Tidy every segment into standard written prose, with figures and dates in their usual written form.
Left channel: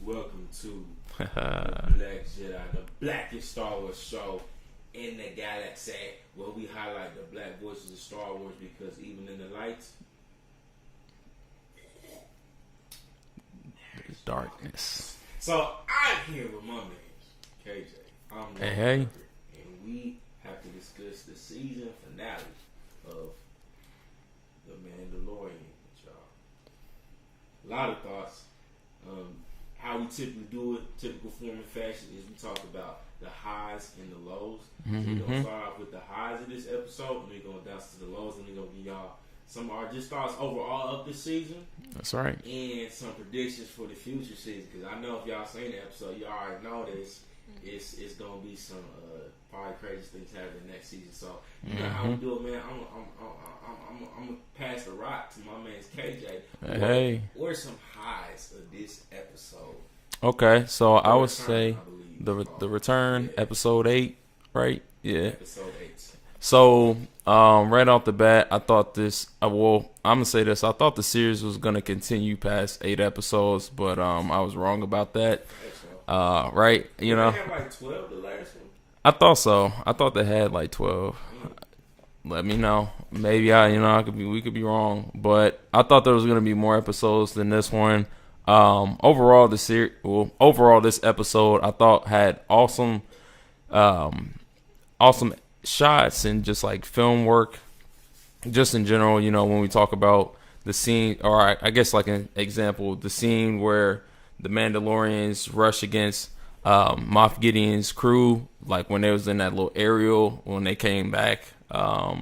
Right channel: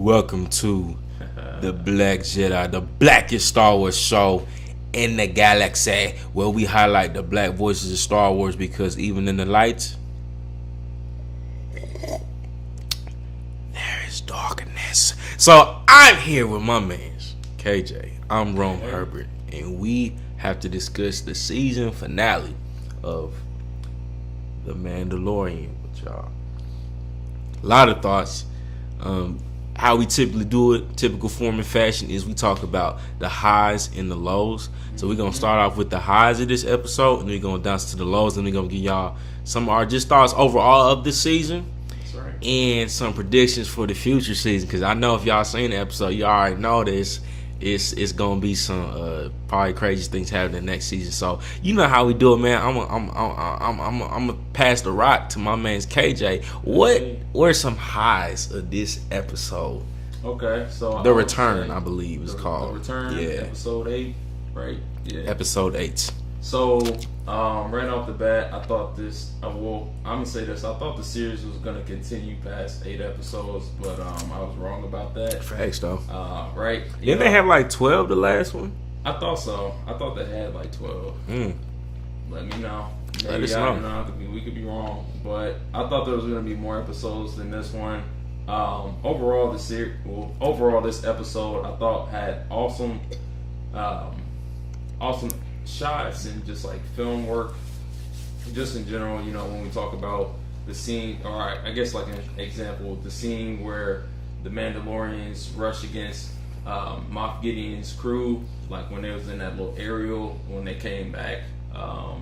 Welcome to the Black Jedi, the blackest Star Wars show in the galaxy, where we highlight the black voices of Star Wars because even in the lights, there is darkness. So I'm here with my man, KJ. I'm Romeherbert, and we have to discuss the season finale of The Mandalorian with y'all. A lot of thoughts. How we typically do it, typical form and fashion, is we talk about the highs and the lows. So we're going to start off with the highs of this episode, and we're going to dance to the lows, and we're going to give y'all some of our just thoughts overall of this season. That's right. And some predictions for the future season, because I know if y'all seen the episode, you already know this. It's gonna be some probably crazy things happening next season. So you know how we do it, man. I'm gonna pass the rock to my man's KJ. What are some highs of this episode? Okay, so The Return, I believe it's called. The Return, episode 8, right? Yeah, episode 8. So right off the bat, I thought this. I'm gonna say this. I thought the series was gonna continue past 8 episodes, but I was wrong about that. Facts though. Right? Didn't they have like 12 the last one? I thought so. I thought they had like 12. Let me know. Maybe we could be wrong, but I thought there was gonna be more episodes than this one. Overall, this episode I thought had awesome shots and just like film work, just in general. You know, when we talk about the scene, or I guess like an example, the scene where the Mandalorians rush against Moff Gideon's crew, like when they was in that little aerial, when they came back to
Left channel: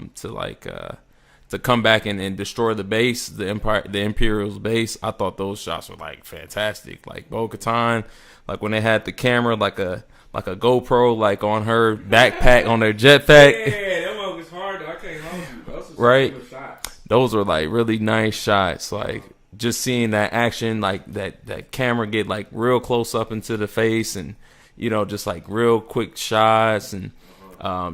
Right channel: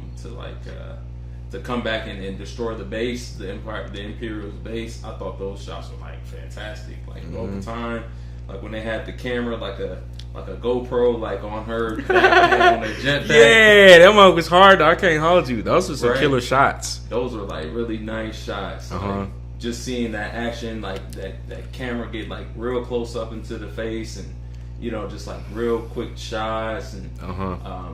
come back and destroy the base, the Imperial's base. I thought those shots were like fantastic. Like Bo-Katan, like when they had the camera like a GoPro like on her backpack on their jetpack. Yeah, that one was hard. I can't hold you. Those were some killer shots. Those were like really nice shots. Like just seeing that action, like that camera get like real close up into the face, and you know, just like real quick shots, and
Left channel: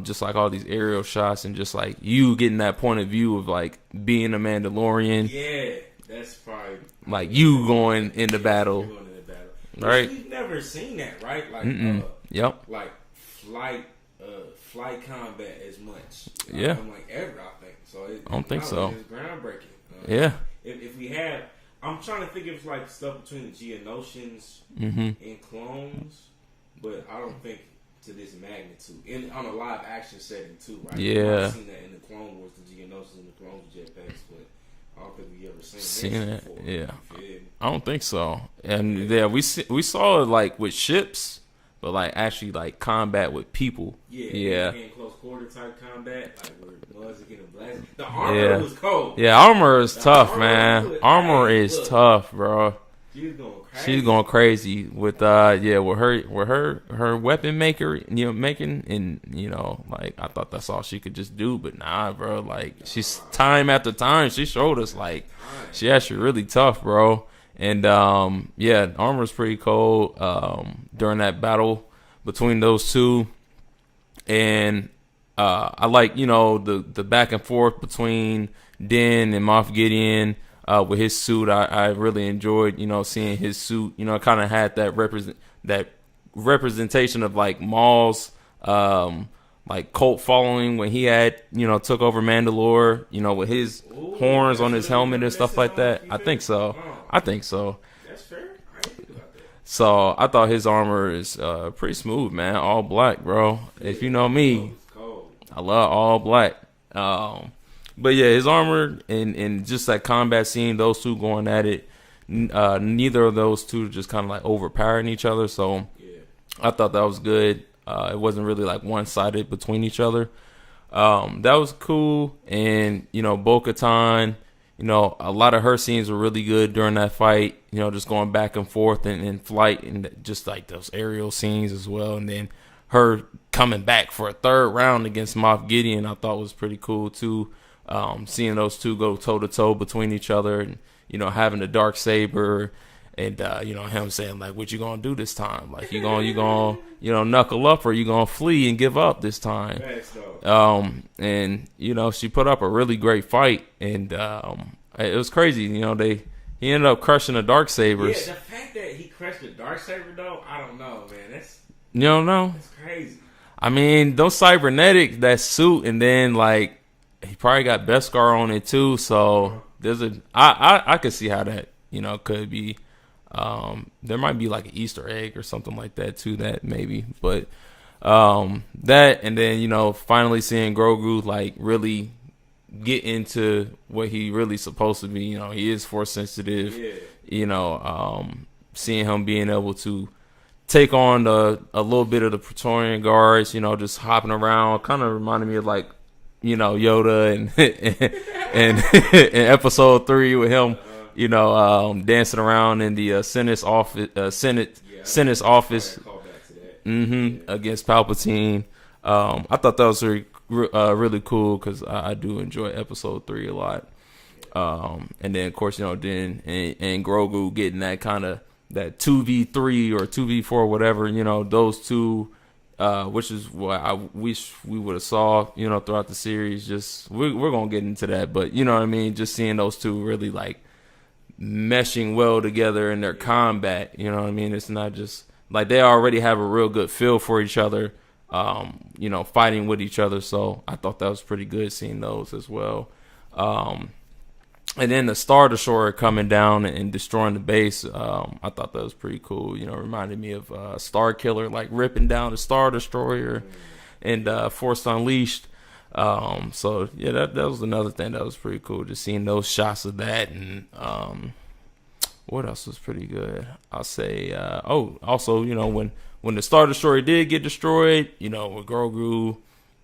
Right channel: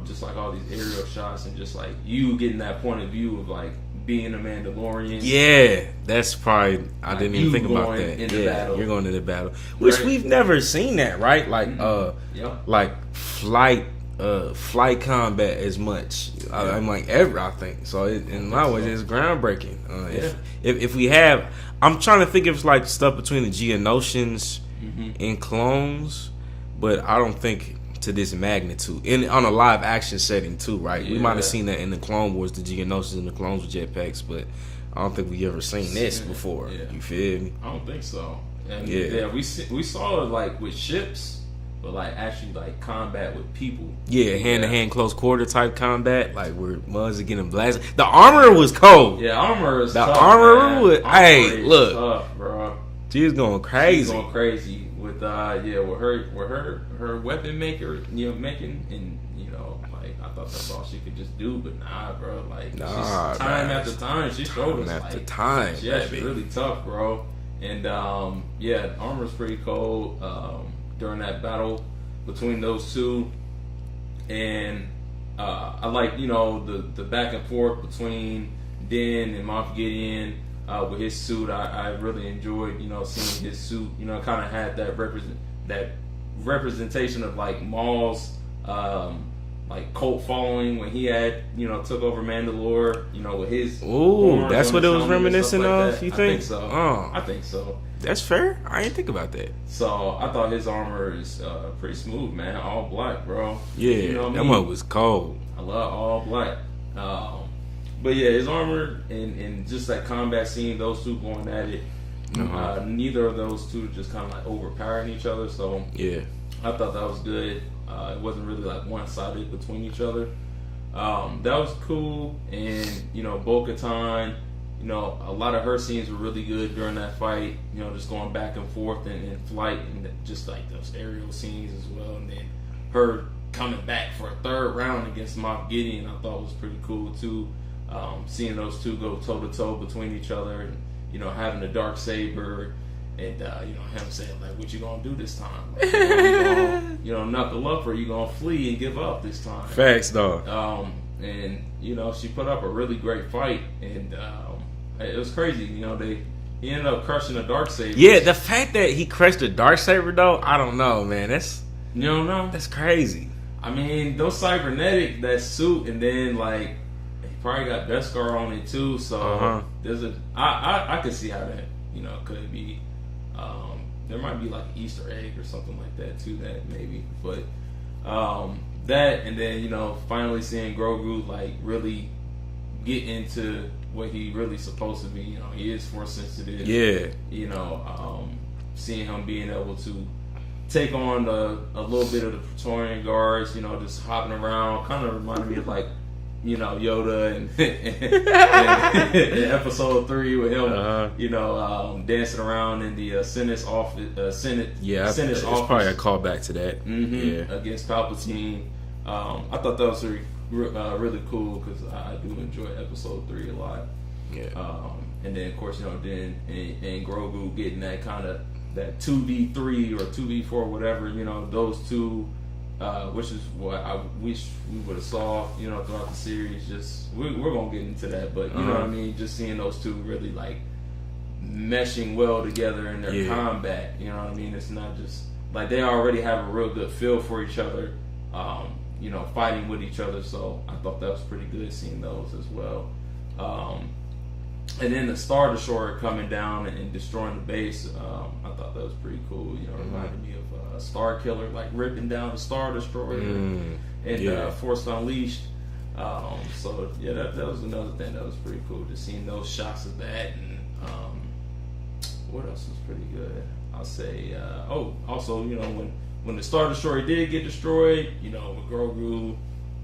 just like all these aerial shots, and just like you getting that point of view of like being a Mandalorian. Yeah, that's probably like I didn't you think going about that. Into battle. You're going into battle, which we've never seen that, right? Like, like flight combat as much. I'm like ever. I think so. In my way, it's groundbreaking. If we have, I'm trying to think if it's like stuff between the Geonosians and clones. But I don't think to this magnitude. On a live action setting too, right? You might have seen that in the Clone Wars, the Geonosians and the clones with jetpacks, but I don't think we ever seen this before. Yeah. You feel me? I don't think so. And we saw it like with ships, but like actually like combat with people. Yeah, hand-to-hand close quarter type combat, like where mugs are getting blasted. The armor was cold. Yeah, armor is tough, man. Armor is tough, bro. She's going crazy. She's going crazy with her weapon maker, making, and like I thought that's all she could just do, but nah, bro. Like she's time after time she showed us like time. She actually really tough, bro. And armor's pretty cold during that battle between those two, and I like the back and forth between Din and Moff Gideon. With his suit, I really enjoyed, seeing his suit. Kind of had that representation of like Maul's like cult following when he had took over Mandalore. With his horns on his helmet and stuff like that. I think so. I think so. That's fair. I didn't think about that. So I thought his armor is pretty smooth, man. All black, bro. Yeah, you know me. That one was cold. I love all black. But yeah, his armor and just that combat scene, those two going at it, neither of those two just kind of like overpowering each other. So yeah, I thought that was good. It wasn't really like one-sided between each other. That was cool. And Bo-Katan, a lot of her scenes were really good during that fight. Just going back and forth and flight, and just like those aerial scenes as well. And then her coming back for a third round against Moff Gideon, I thought was pretty cool too. Seeing those two go toe to toe between each other, and having the dark saber, and him saying like, "What you gonna do this time? Like you gonna knuckle up, or you gonna flee and give up this time?" Facts, dog. And she put up a really great fight, and it was crazy. He ended up crushing the Darksabers. Yeah, the fact that he crushed the Darksaber though, I don't know, man. You don't know? That's crazy. I mean, those cybernetic, that suit, and then like he probably got Beskar on it too. So there's I could see how that could be. There might be like an Easter egg or something like that to that maybe, but that, and then finally seeing Grogu like really get into what he really supposed to be. He is force sensitive. Yeah. Seeing him being able to take on a little bit of the Praetorian Guards, just hopping around, kind of reminded me of like Yoda and in episode 3 with him, dancing around in the Senate's office. Senate's office. Probably a callback to that. Against Palpatine. I thought that was really cool because I do enjoy episode 3 a lot. Yeah. And then of course Dan and Grogu getting that kind of that 2v3 or 2v4 whatever, those two. Which is what I wish we would have saw, throughout the series. Just we're gonna get into that, but you know what I mean. Just seeing those two really like meshing well together in their combat. You know what I mean. It's not just like they already have a real good feel for each other. Fighting with each other. So I thought that was pretty good seeing those as well. And then the Star Destroyer coming down and destroying the base, I thought that was pretty cool. Reminded me of Star Killer, like ripping down the Star Destroyer and Force Unleashed. So yeah, that was another thing that was pretty cool. Just seeing those shots of that, and what else was pretty good? I'll say, also when the Star Destroyer did get destroyed, with Grogu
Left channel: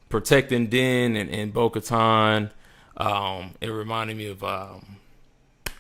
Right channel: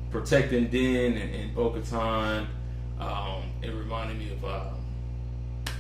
protecting Din and Bo-Katan. It reminded me of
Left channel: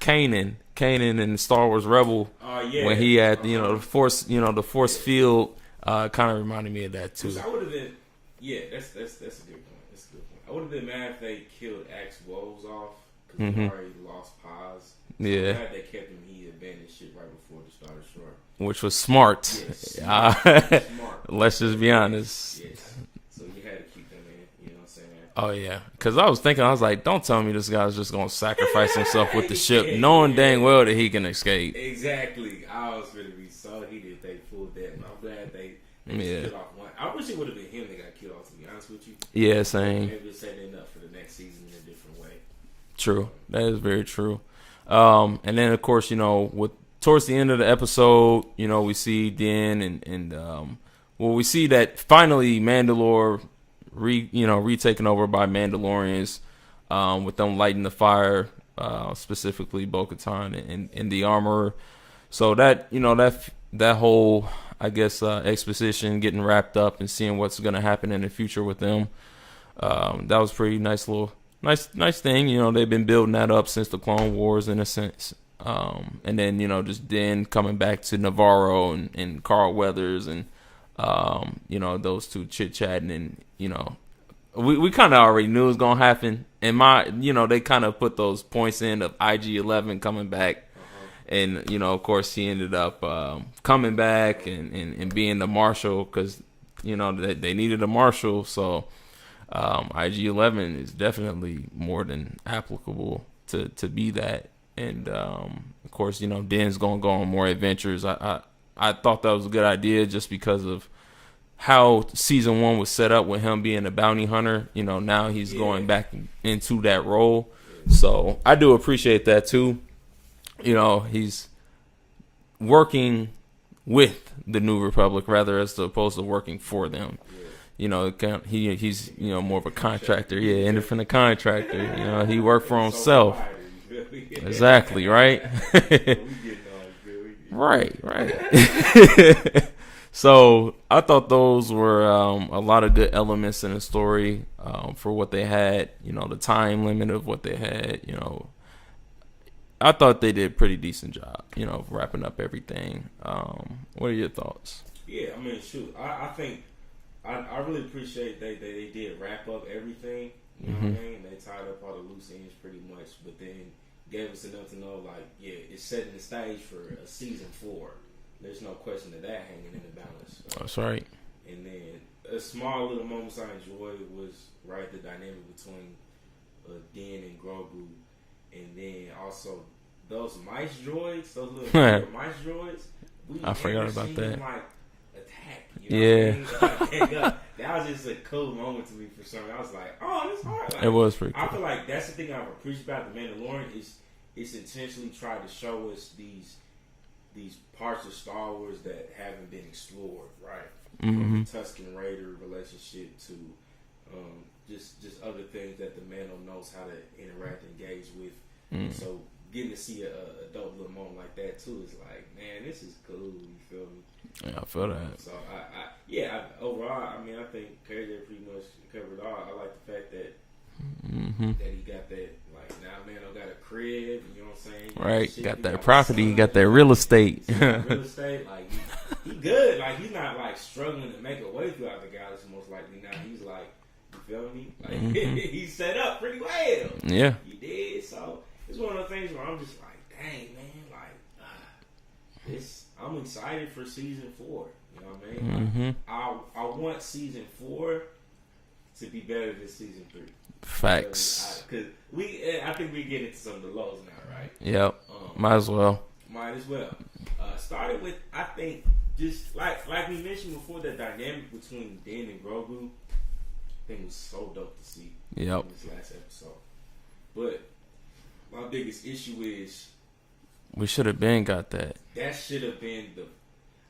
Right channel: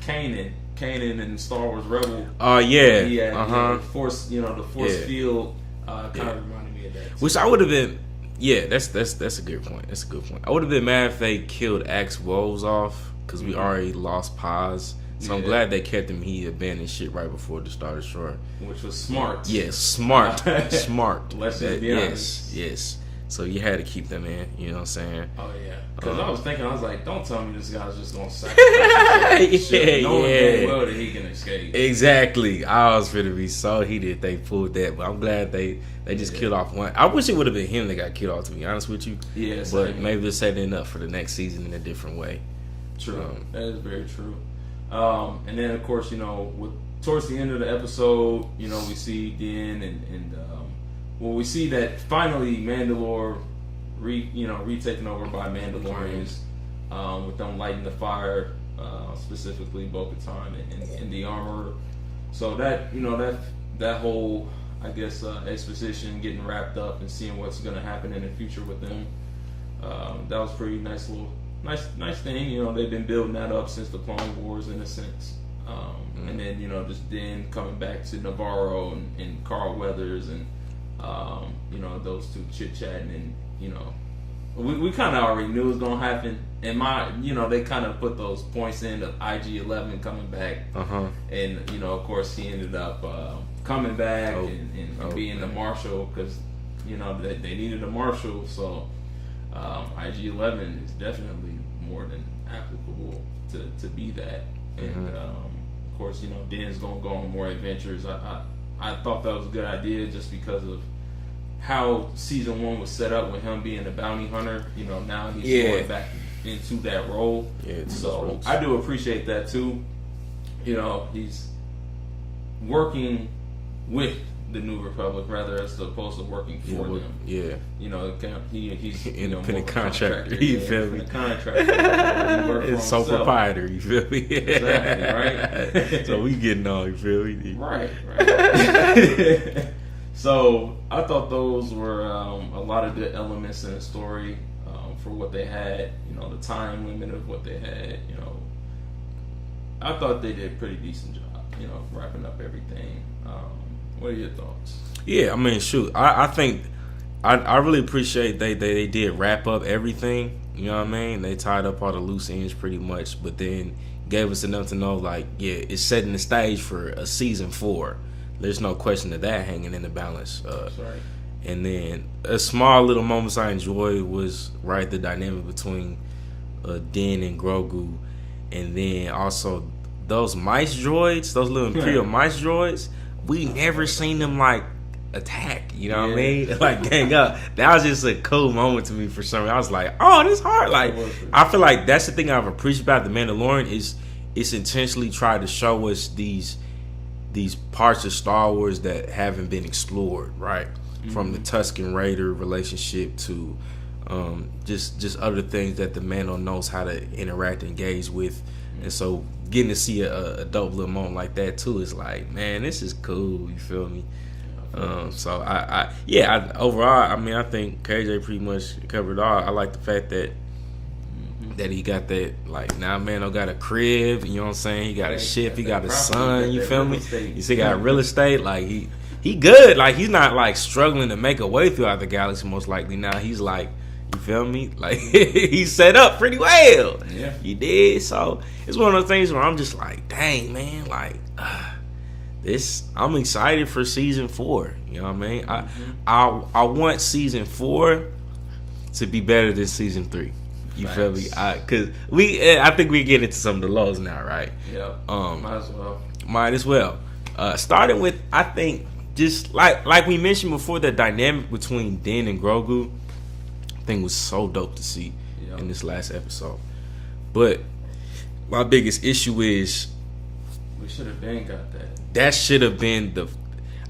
Kanan in Star Wars Rebel. Oh yeah, he had the force, the force field. Kind of reminded me of that too. Which I would have been. Yeah, that's a good point. That's a good point. I would have been mad if they killed Axe Woves off because we already lost Paz. So I'm glad they kept him. He abandoned shit right before the Star Destroyer, which was smart. Yes, smart, smart. Let's just be honest. Yes. So you had to keep them in, you know what I'm saying? Oh, yeah. Because I was like, don't tell me this guy's just going to sacrifice himself with the ship, knowing dang well that he can escape. Exactly. I was going to be so heated they pulled that, but I'm glad they just killed off one. I wish it would have been him that got killed off, to be honest with you. Yeah, same. Maybe they're setting it up for the next season in a different way. True. That is very true. And then, of course, towards the end of the episode, we see Din and we see that finally Mandalore retaken over by Mandalorians, with them lighting the fire, specifically Bo-Katan and the armorer. So that that whole, I guess, exposition getting wrapped up and seeing what's going to happen in the future with them. That was pretty nice thing. They've been building that up since the Clone Wars in a sense. And then just then coming back to Navarro and Carl Weathers and those two chit chatting, and we kind of already knew it was gonna happen. And they kind of put those points in of IG-11 coming back, and of course he ended up coming back and being the marshal because they needed a marshal. So IG-11 is definitely more than applicable to be that. And of course Din's gonna go on more adventures. I thought that was a good idea just because of how season 1 was set up with him being a bounty hunter. Now he's going back into that role. So I do appreciate that too. He's working with the New Republic rather as opposed to working for them. He's more of a contractor. Independent contractor. He worked for himself. Sole proprietor, you feel me? Exactly, right? So we getting on, you feel me? Right. So I thought those were a lot of good elements in the story for what they had. The time limit of what they had. I thought they did a pretty decent job. Wrapping up everything. What are your thoughts? Yeah, I mean, shoot, I think I really appreciate they did wrap up everything. You know what I mean? They tied up all the loose ends pretty much, but then gave us enough to know, like, it's setting the stage for a season 4. There's no question of that hanging in the balance. That's right. And then a small little moments I enjoyed was the dynamic between Din and Grogu, and then also those mice droids, those little Imperial mice droids, we never seen them like attack. You know what I mean? Like gang up. That was just a cool moment to me for some reason. I was like, oh, this hard. Like, it was pretty I feel like that's the thing I've appreciated about the Mandalorian is it's intentionally tried to show us these parts of Star Wars that haven't been explored, right? From the Tusken Raider relationship to just other things that the Mando knows how to interact and engage with. And so getting to see a dope little moment like that too is like, man, this is cool. You feel me? So overall, I mean, I think KJ pretty much covered it all. I like the fact that that he got that, like, now Mando got a crib, you know what I'm saying? He got a ship, he got property, he got that real estate. He got real estate, like he good. Like, he's not like struggling to make a way throughout the galaxy, most likely. Now he's like, you feel me? Like, he's set up pretty well. Yeah. He did. So it's one of those things where I'm just like, dang, man, like I'm excited for season 4. You know what I mean? I want season 4 to be better than season 3. You feel me? Because I think we get into some of the lows now, right? Yep. Might as well. Starting with, I think, just like we mentioned before, the dynamic between Din and Grogu, I think was so dope to see in this last episode. But my biggest issue is we should have been got that. That should have been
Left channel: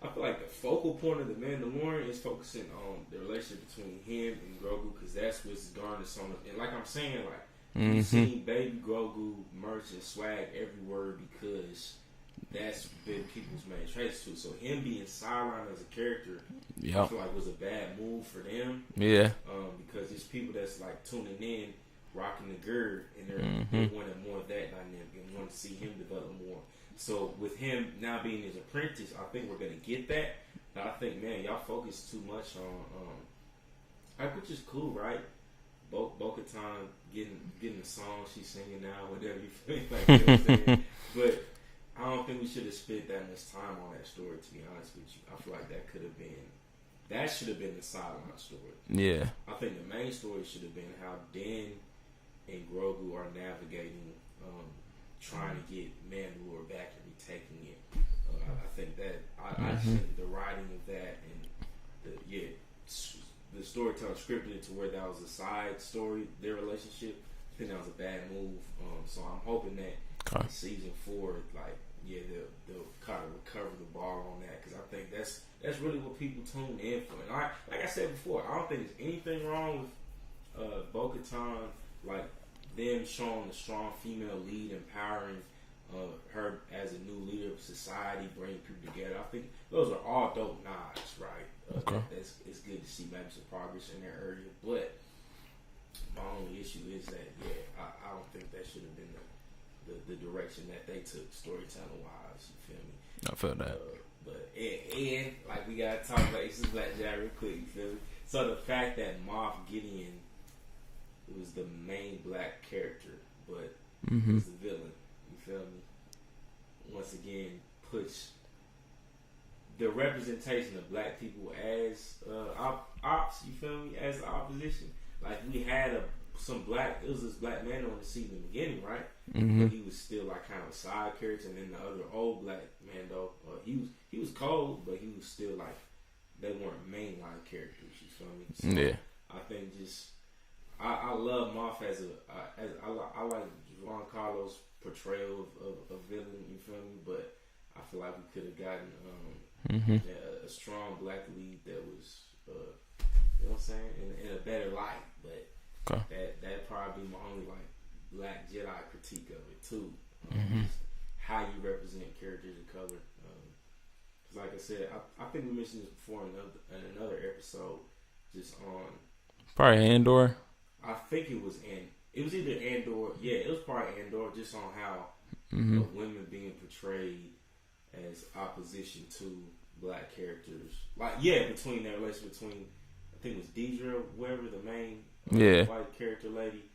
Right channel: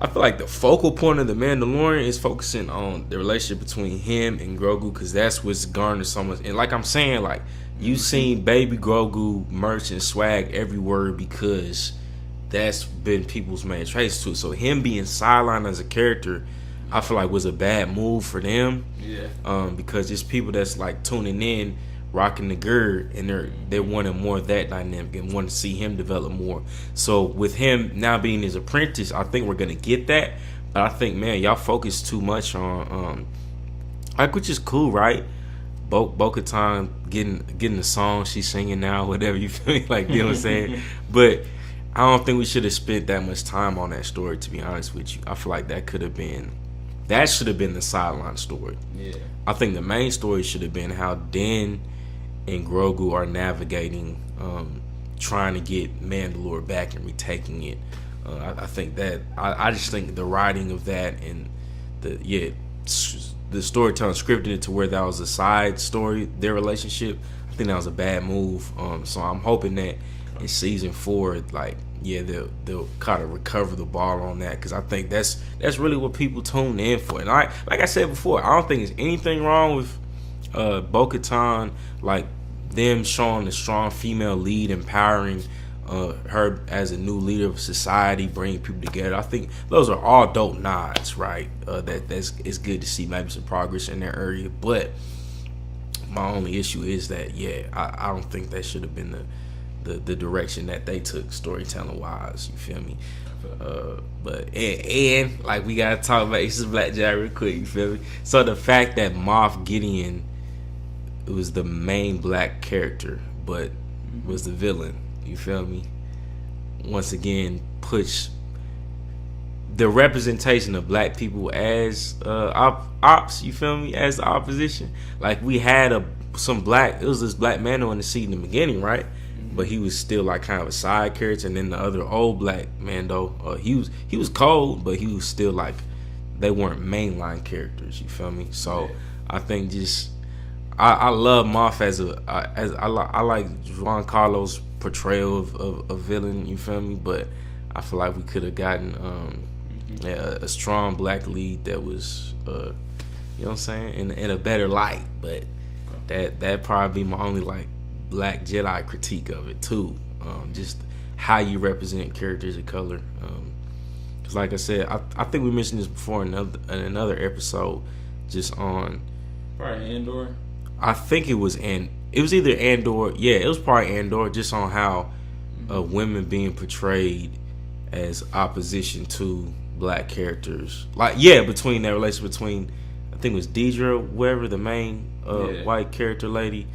I feel like the focal point of the Mandalorian is focusing on the relationship between him and Grogu, because that's what's garnered so much. And like I'm saying, like, you've seen Baby Grogu merch and swag everywhere because that's been people's main traits to it. So him being sidelined as a character, I feel like was a bad move for them. Yeah. Because it's people that's like tuning in, rocking the gird, and they're wanting more of that dynamic and want to see him develop more. So with him now being his apprentice, I think we're gonna get that. But I think, man, y'all focus too much on like, which is cool, right? Bo-Katan getting the song she's singing now, whatever, you feel me? Like, you know what I'm saying? But I don't think we should have spent that much time on that story, to be honest with you. I feel like that should have been the sideline story. Yeah. I think the main story should have been how Din and Grogu are navigating, trying to get Mandalore back and retaking it. I think that I just think the writing of that and the storytelling scripted it to where that was a side story, their relationship. I think that was a bad move. So I'm hoping that in season 4, like, they'll kind of recover the ball on that, because I think that's really what people tune in for. And like I said before, I don't think there's anything wrong with Bo-Katan, like them showing a strong female lead, empowering her as a new leader of society, bringing people together. I think those are all dope nods, right? It's good to see maybe some progress in that area. But my only issue is that I don't think that should have been the direction that they took storytelling wise. You feel me? I feel that. But and like, we gotta talk about ExperiencewithKJ real quick. You feel me? So the fact that Moff Gideon was the main black character, but was the villain. You feel me? Once again, push the representation of black people as ops. You feel me? As the opposition. Like, we had it was this black Mando in the seat in the beginning, right? But he was still like kind of a side character, and then the other old black Mando, he was cold, but he was still like, they weren't mainline characters. You feel me? So I think I love Moff as I like Juan Carlos' portrayal of a villain. You feel me? But I feel like we could have gotten a strong black lead that was you know what I'm saying, in a better light. But that probably be my only like Black Jedi critique of it too. Just how you represent characters of color. Because like I said, I think we mentioned this before in another episode, just on probably Andor. I think it was either Andor. Yeah, it was probably Andor, just on how women being portrayed as opposition to black characters. Like, between that relationship between, I think it was Deidre, whoever, the main white character lady,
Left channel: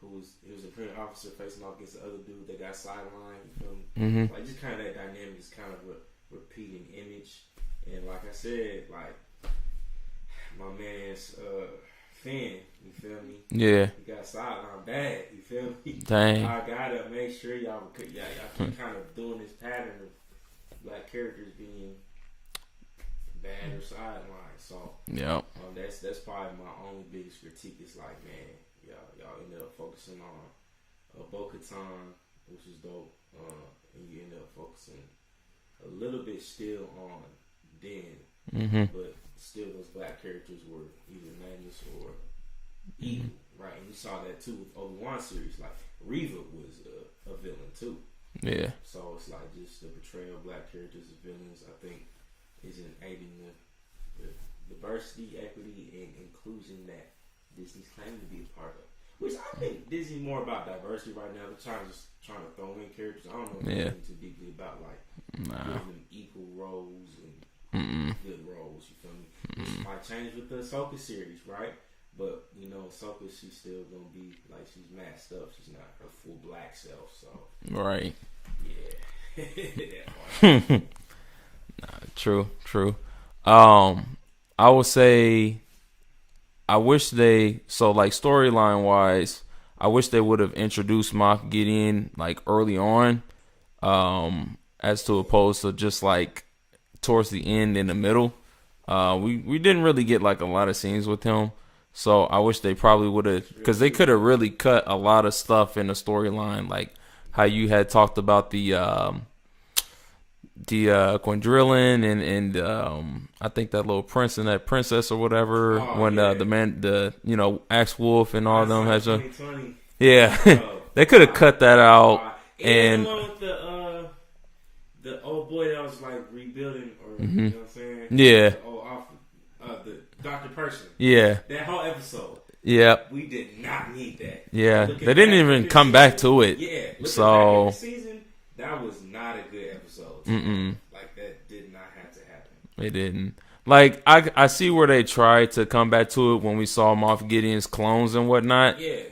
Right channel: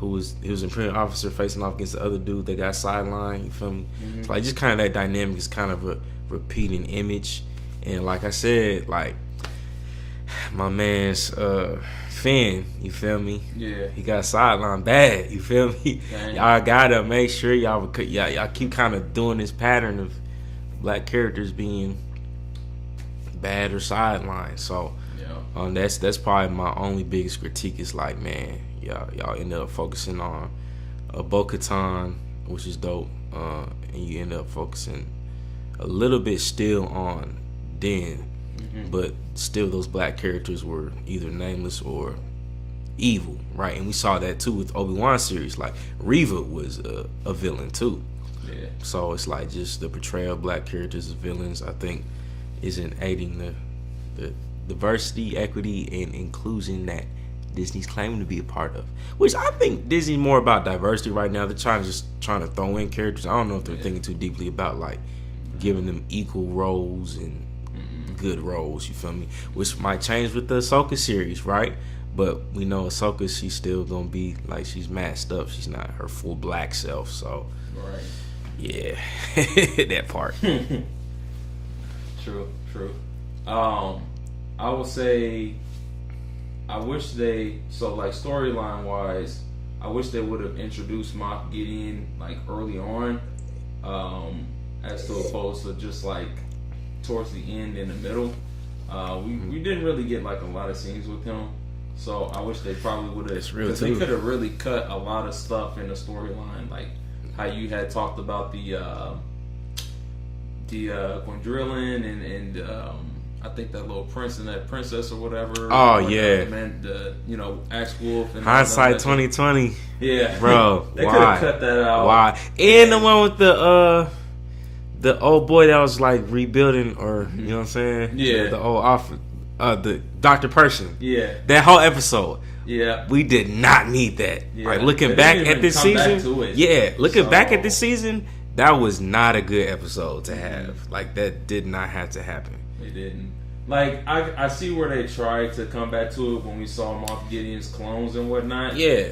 he was an Imperial officer facing off against the other dude that got sidelined. You feel me? So like, just kind of that dynamic is kind of a repeating image. And like I said, like, my man's Finn, you feel me? Yeah. He got sidelined bad, you feel me? Dang. Y'all gotta make sure y'all keep kind of doing this pattern of black characters being bad or sidelined. So yeah, that's probably my only biggest critique is like, man, y'all end up focusing on Bo-Katan, which is dope, and you end up focusing a little bit still on Din. But still, those black characters were either nameless or evil, right? And we saw that too with Obi-Wan series. Like Reva was a villain too. Yeah. So it's like just the portrayal of black characters as villains, I think, isn't aiding the diversity, equity, and inclusion that Disney's claiming to be a part of. Which I think Disney's more about diversity right now. They're trying to throw in characters. I don't know if they're thinking too deeply about like giving them equal roles and good roles, you feel me? Which might change with the Ahsoka series, right? But we know Ahsoka, she's still gonna be like she's masked up. She's not her full black self. So right, yeah, that part. True. I would say I wish storyline wise, I wish they would have introduced Moff Gideon like early on, as to opposed to just like towards the end in the middle. We didn't really get like a lot of scenes with him, so I wish they probably would have, because they could have really cut a lot of stuff in the storyline, like how you had talked about the Quindrillin and I think that little prince and that princess or whatever. Oh, when, yeah. the man, Axe Wolf and all Hindsight that. 2020. Yeah, bro. They could have cut that out. Why? And the one with the old boy that was like rebuilding, or you know what I'm saying? Yeah. The old the Dr. Person. Yeah. That whole episode. Yeah. We did not need that. Yeah. Like, looking they back didn't even at this come season, back to it. Yeah. Looking back at this season, that was not a good episode to have. Like, that did not have to happen. It didn't. Like, I see where they tried to come back to it when we saw Moff Gideon's clones and whatnot. Yeah.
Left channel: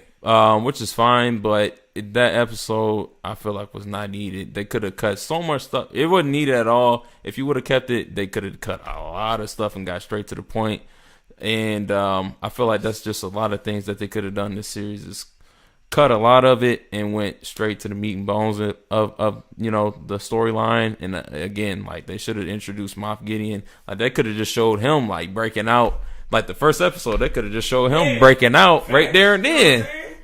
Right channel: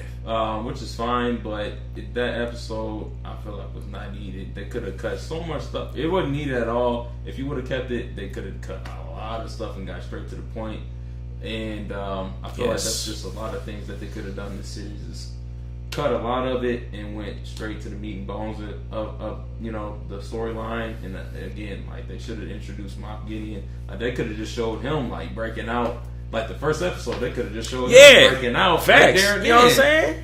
Which is fine, but that episode I feel like was not needed. They could have cut so much stuff. It wasn't needed at all. If you would have kept it, they could have cut a lot of stuff and got straight to the point. And I feel like that's just a lot of things that they could have done in this series. Is cut a lot of it and went straight to the meat and bones of the storyline. And again, like, they should have introduced Moff Gideon. Like, they could have just showed him like breaking out. Like the first episode, they could have just showed him breaking out right there and then. You know what I'm saying?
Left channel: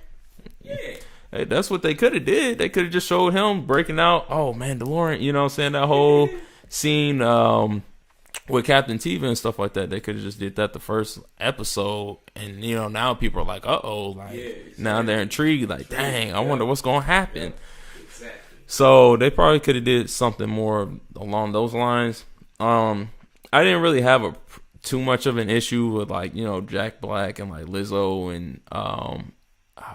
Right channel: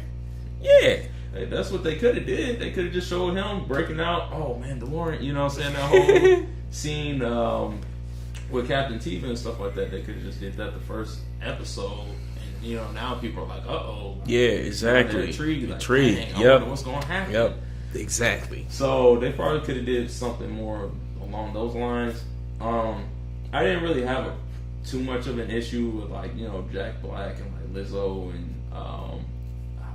Yeah. Hey, that's what they could have did. They could have just showed him breaking out. Oh, Mandalorian, you know what I'm saying? That whole scene with Captain Teva and stuff like that. They could have just did that the first episode. And, now people are like, uh-oh. Like, yeah, exactly. Now they're intrigued. Like, dang, I wonder what's going to happen. Yep. Exactly. So they probably could have did something more along those lines. I didn't really have too much of an issue with Jack Black and like Lizzo and I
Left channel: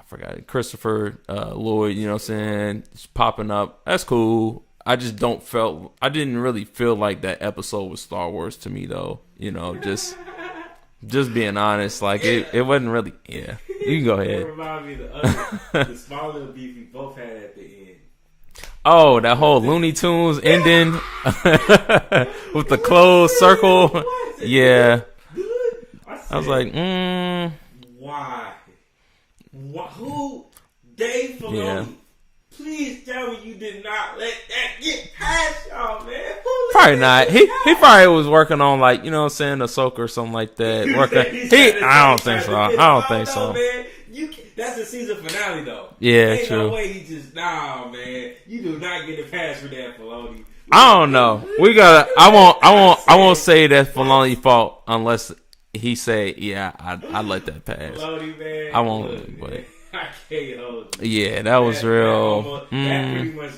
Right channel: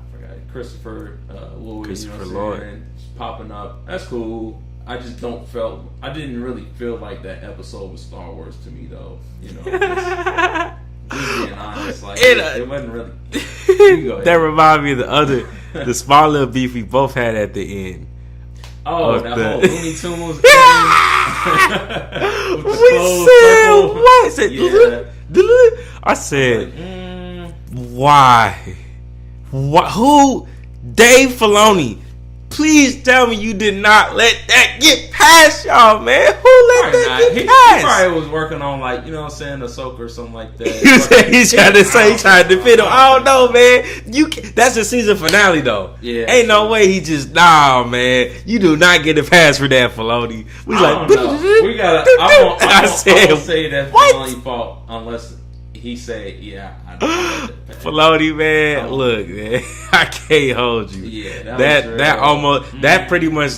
forgot Christopher Lloyd, you know what I'm saying, just popping up. That's cool. I just I didn't really feel like that episode was Star Wars to me though. Just being honest, like it wasn't really. Yeah. You can go ahead. That reminded me of the small little beef we both had at the end. Oh, that whole Looney Tunes ending with the closed circle. What? Yeah. I said, like, why? Who? Dave Filoni. Please tell me you did not let that get past y'all, man. Who let probably that not. get past? He probably was working on Ahsoka or something like that. He's trying to say, trying to fit him. I don't know, man. That's the season finale, though. Yeah, ain't no way he just man. You do not get a pass for that, Filoni. I don't know. We gotta. I won't say that Filoni fault unless he say, yeah, I like that pass. Filoni, man. Look, man, I can't hold you. Yeah, that was real. That almost that pretty much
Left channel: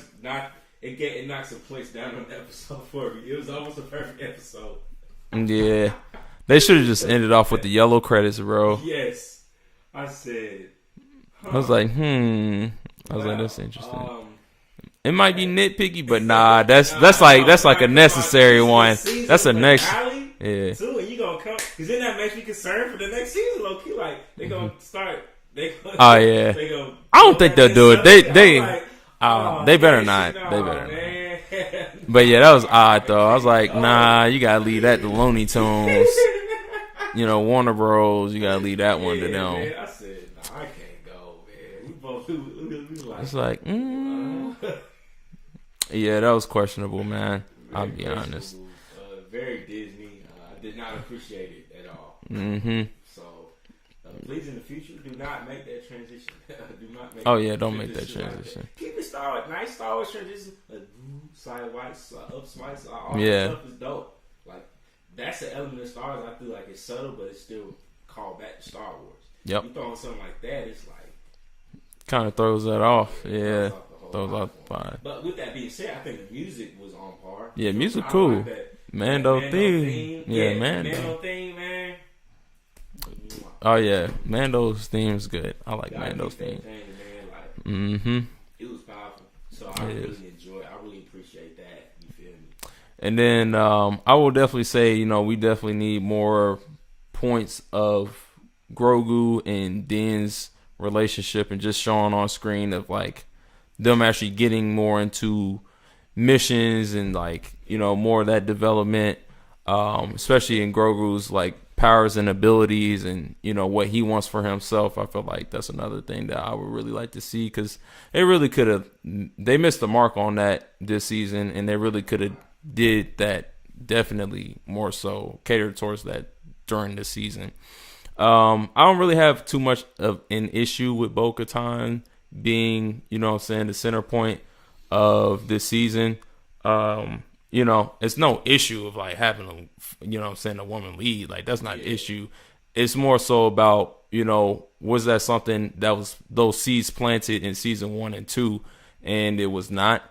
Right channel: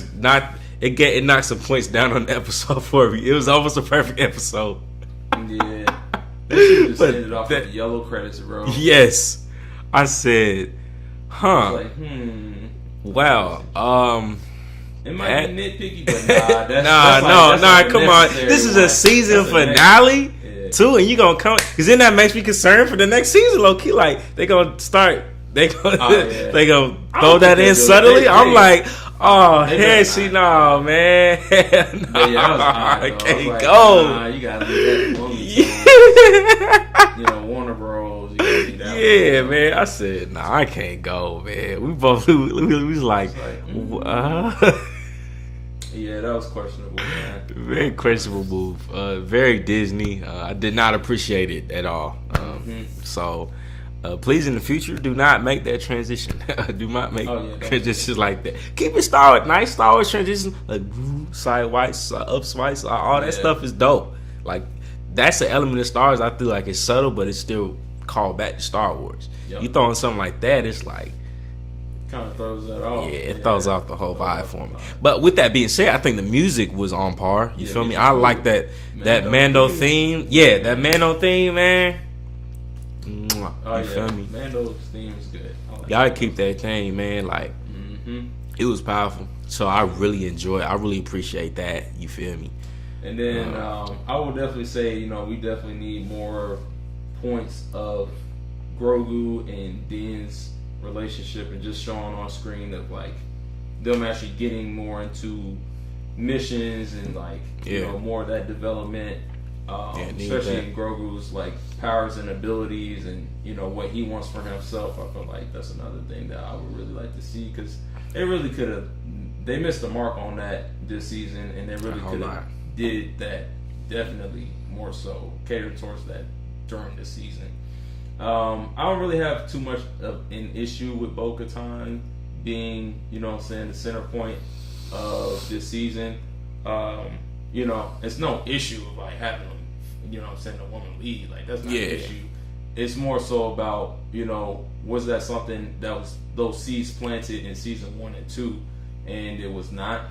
it knocked some points down on the episode for me. It was almost a perfect episode. Yeah, they should have just ended off with the yellow credits, bro. Yes, I said, I was like, wow. It might be nitpicky, but nah, that's like a necessary one. This is a season finale too, and you gonna come because then that makes me concerned for the next season. Low key, like they gonna start, they gonna throw that in subtly. I'm like, They better see, not. no, man. But yeah, that was odd though. I was like, go. nah, you gotta leave that to Looney Tunes. Warner Bros. You gotta leave that one. Yeah, man. I said, nah, I can't go, man. We both we was like, yeah, that was questionable, man. Very questionable move. Very Disney. I did not appreciate it at all. So, please in the future, do not make that transition. Do not make transitions like that. Keep it Star Wars. Nice Star Wars transition. Like sideways, up swice, all that stuff is dope. Like that's the element of Star Wars. I feel like it's subtle, but it's still called back to Star Wars. Yep. You throwing something like that, it's like kind of throws that off. Yeah, it throws off the whole vibe for me. But with that being said, I think the music was on par. You feel me? I like that Mando theme. Yeah, that Mando theme, man. Oh yeah, Mando's theme's good. I like. Y'all keep that thing, man. Like, it was powerful. So I really enjoy it. I really appreciate that. You feel me? And then I will definitely say, we definitely need more points of Grogu and Din's relationship and just showing on screen of like them actually getting more into missions and like more of that development, especially in Grogu's like powers and abilities and what he wants for himself. I feel like that's another thing that I would really like to see, because they missed the mark on that this season, and they really could have did that definitely more so catered towards that during this season. I don't really have too much of an issue with Bo-Katan being, the center point of this season. It's no issue of like having them, a woman lead. Like that's not an issue. It's more so about, was that something that was those seeds planted in season 1 and 2, and it was not.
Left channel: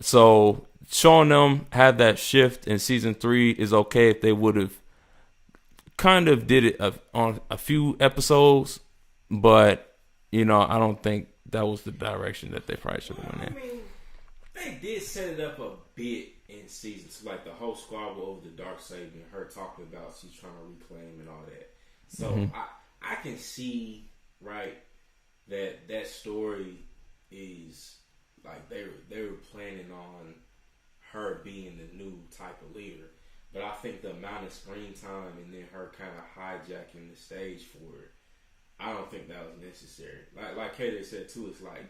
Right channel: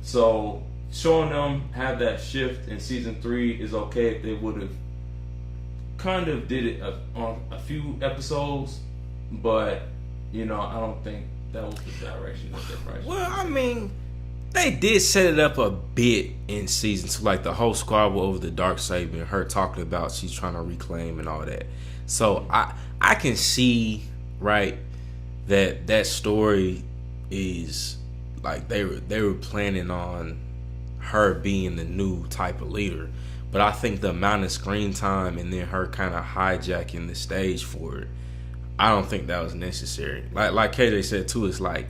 So showing them have that shift in season 3 is okay if they would have kind of did it on a few episodes, but I don't think that was the direction that they probably should have. Well, I mean, they did set it up a bit in season 2, like the whole squabble over the Darksaber and her talking about she's trying to reclaim and all that. So I can see that story is like they were planning on her being the new type of leader. But I think the amount of screen time and then her kind of hijacking the stage for it, I don't think that was necessary. Like KJ said too, it's like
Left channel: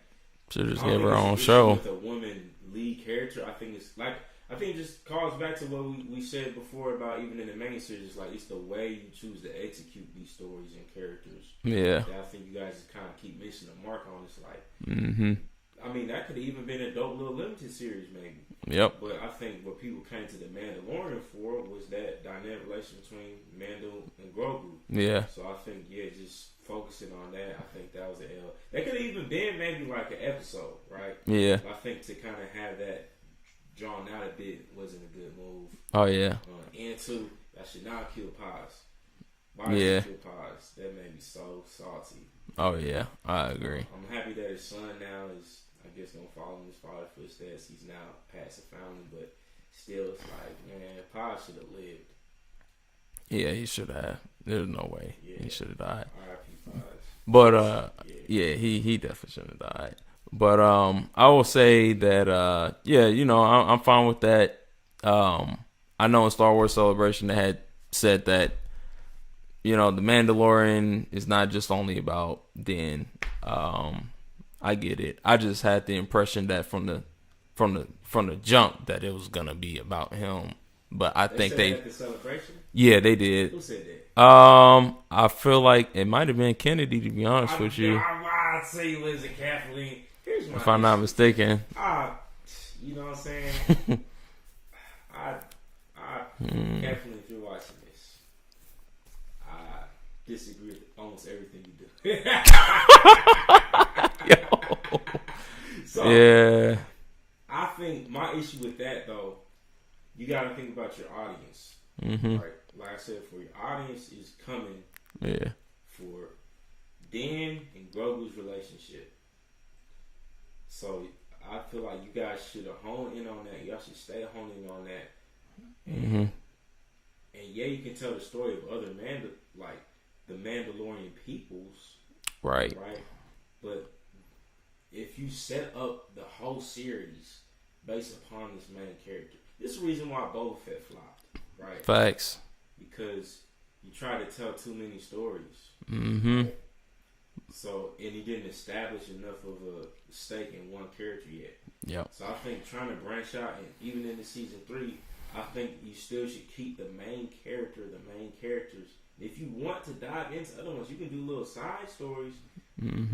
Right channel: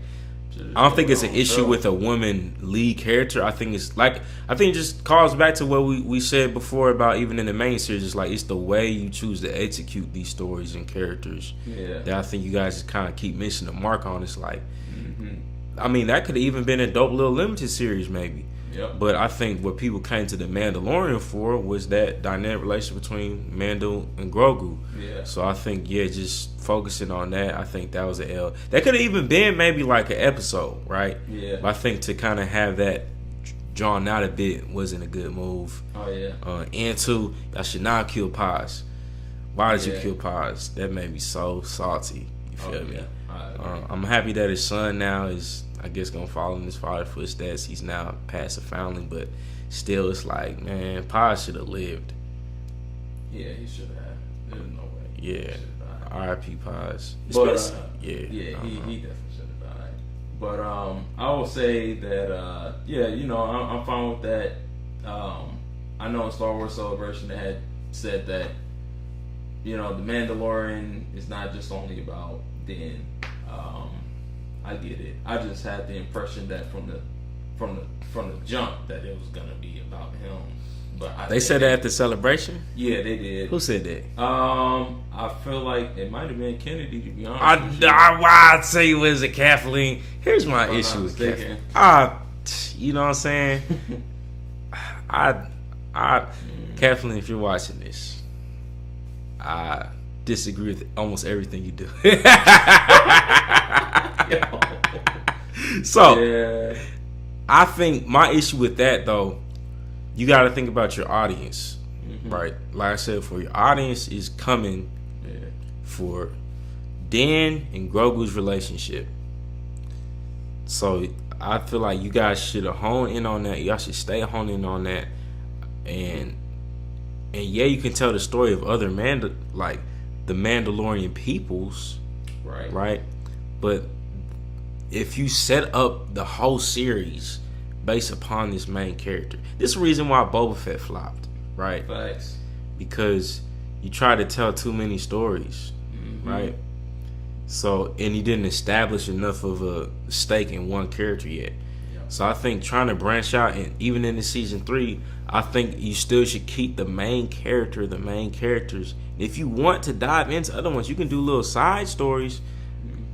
I don't think it's an issue with a woman lead character. I think it just calls back to what we said before about even in the main series. It's like it's the way you choose to execute these stories and characters. Yeah, that I think you guys just kind of keep missing the mark on. It's like, I mean, that could have even been a dope little limited series maybe. Yep. But I think what people came to the Mandalorian for was that dynamic relationship between Mando and Grogu. Yeah. So I think just focusing on that, I think that was an L. That could have even been maybe like an episode, right? Yeah. But I think to kind of have that drawn out a bit wasn't a good move. Oh yeah. And two, I should not kill Paz. Why did you kill Paz? That made me so salty. Oh yeah, I agree. I'm happy that his son now is, I guess, gonna follow in his father's footsteps. He's now past a foundling, but still, it's like, man, Paz should have lived. Yeah, he should have. There's no way. Yeah, he should have died. R.I.P. Paz. But he definitely should have died. But I will say that I'm fine with that. I know in Star Wars Celebration they had said that the Mandalorian is not just only about Din. I get it. I just had the impression that from the jump that it was gonna be about him. But I think they said that at the celebration. Yeah, they did. Who said that? I feel like it might have been Kennedy. To be honest with you, I'd say it was Kathleen. Here's my issue. If I'm not mistaken. You know what I'm saying? Kathleen, if you're watching this, I disagree with almost everything you do. So, yeah. I think my issue with that, though, you got to think about your audience, right? Like I said, for your audience is coming for Dan and Grogu's relationship. So, I feel like you guys should have honed in on that. Y'all should stay honed in on that. And you can tell the story of other the Mandalorian peoples, right? But if you set up the whole series based upon this main character, this is the reason why Boba Fett flopped, right? Facts. Because you try to tell too many stories, right? So, and you didn't establish enough of a stake in one character yet. Yeah. So I think trying to branch out, and even in the season 3, I think you still should keep the main characters. If you want to dive into other ones, you can do little side stories,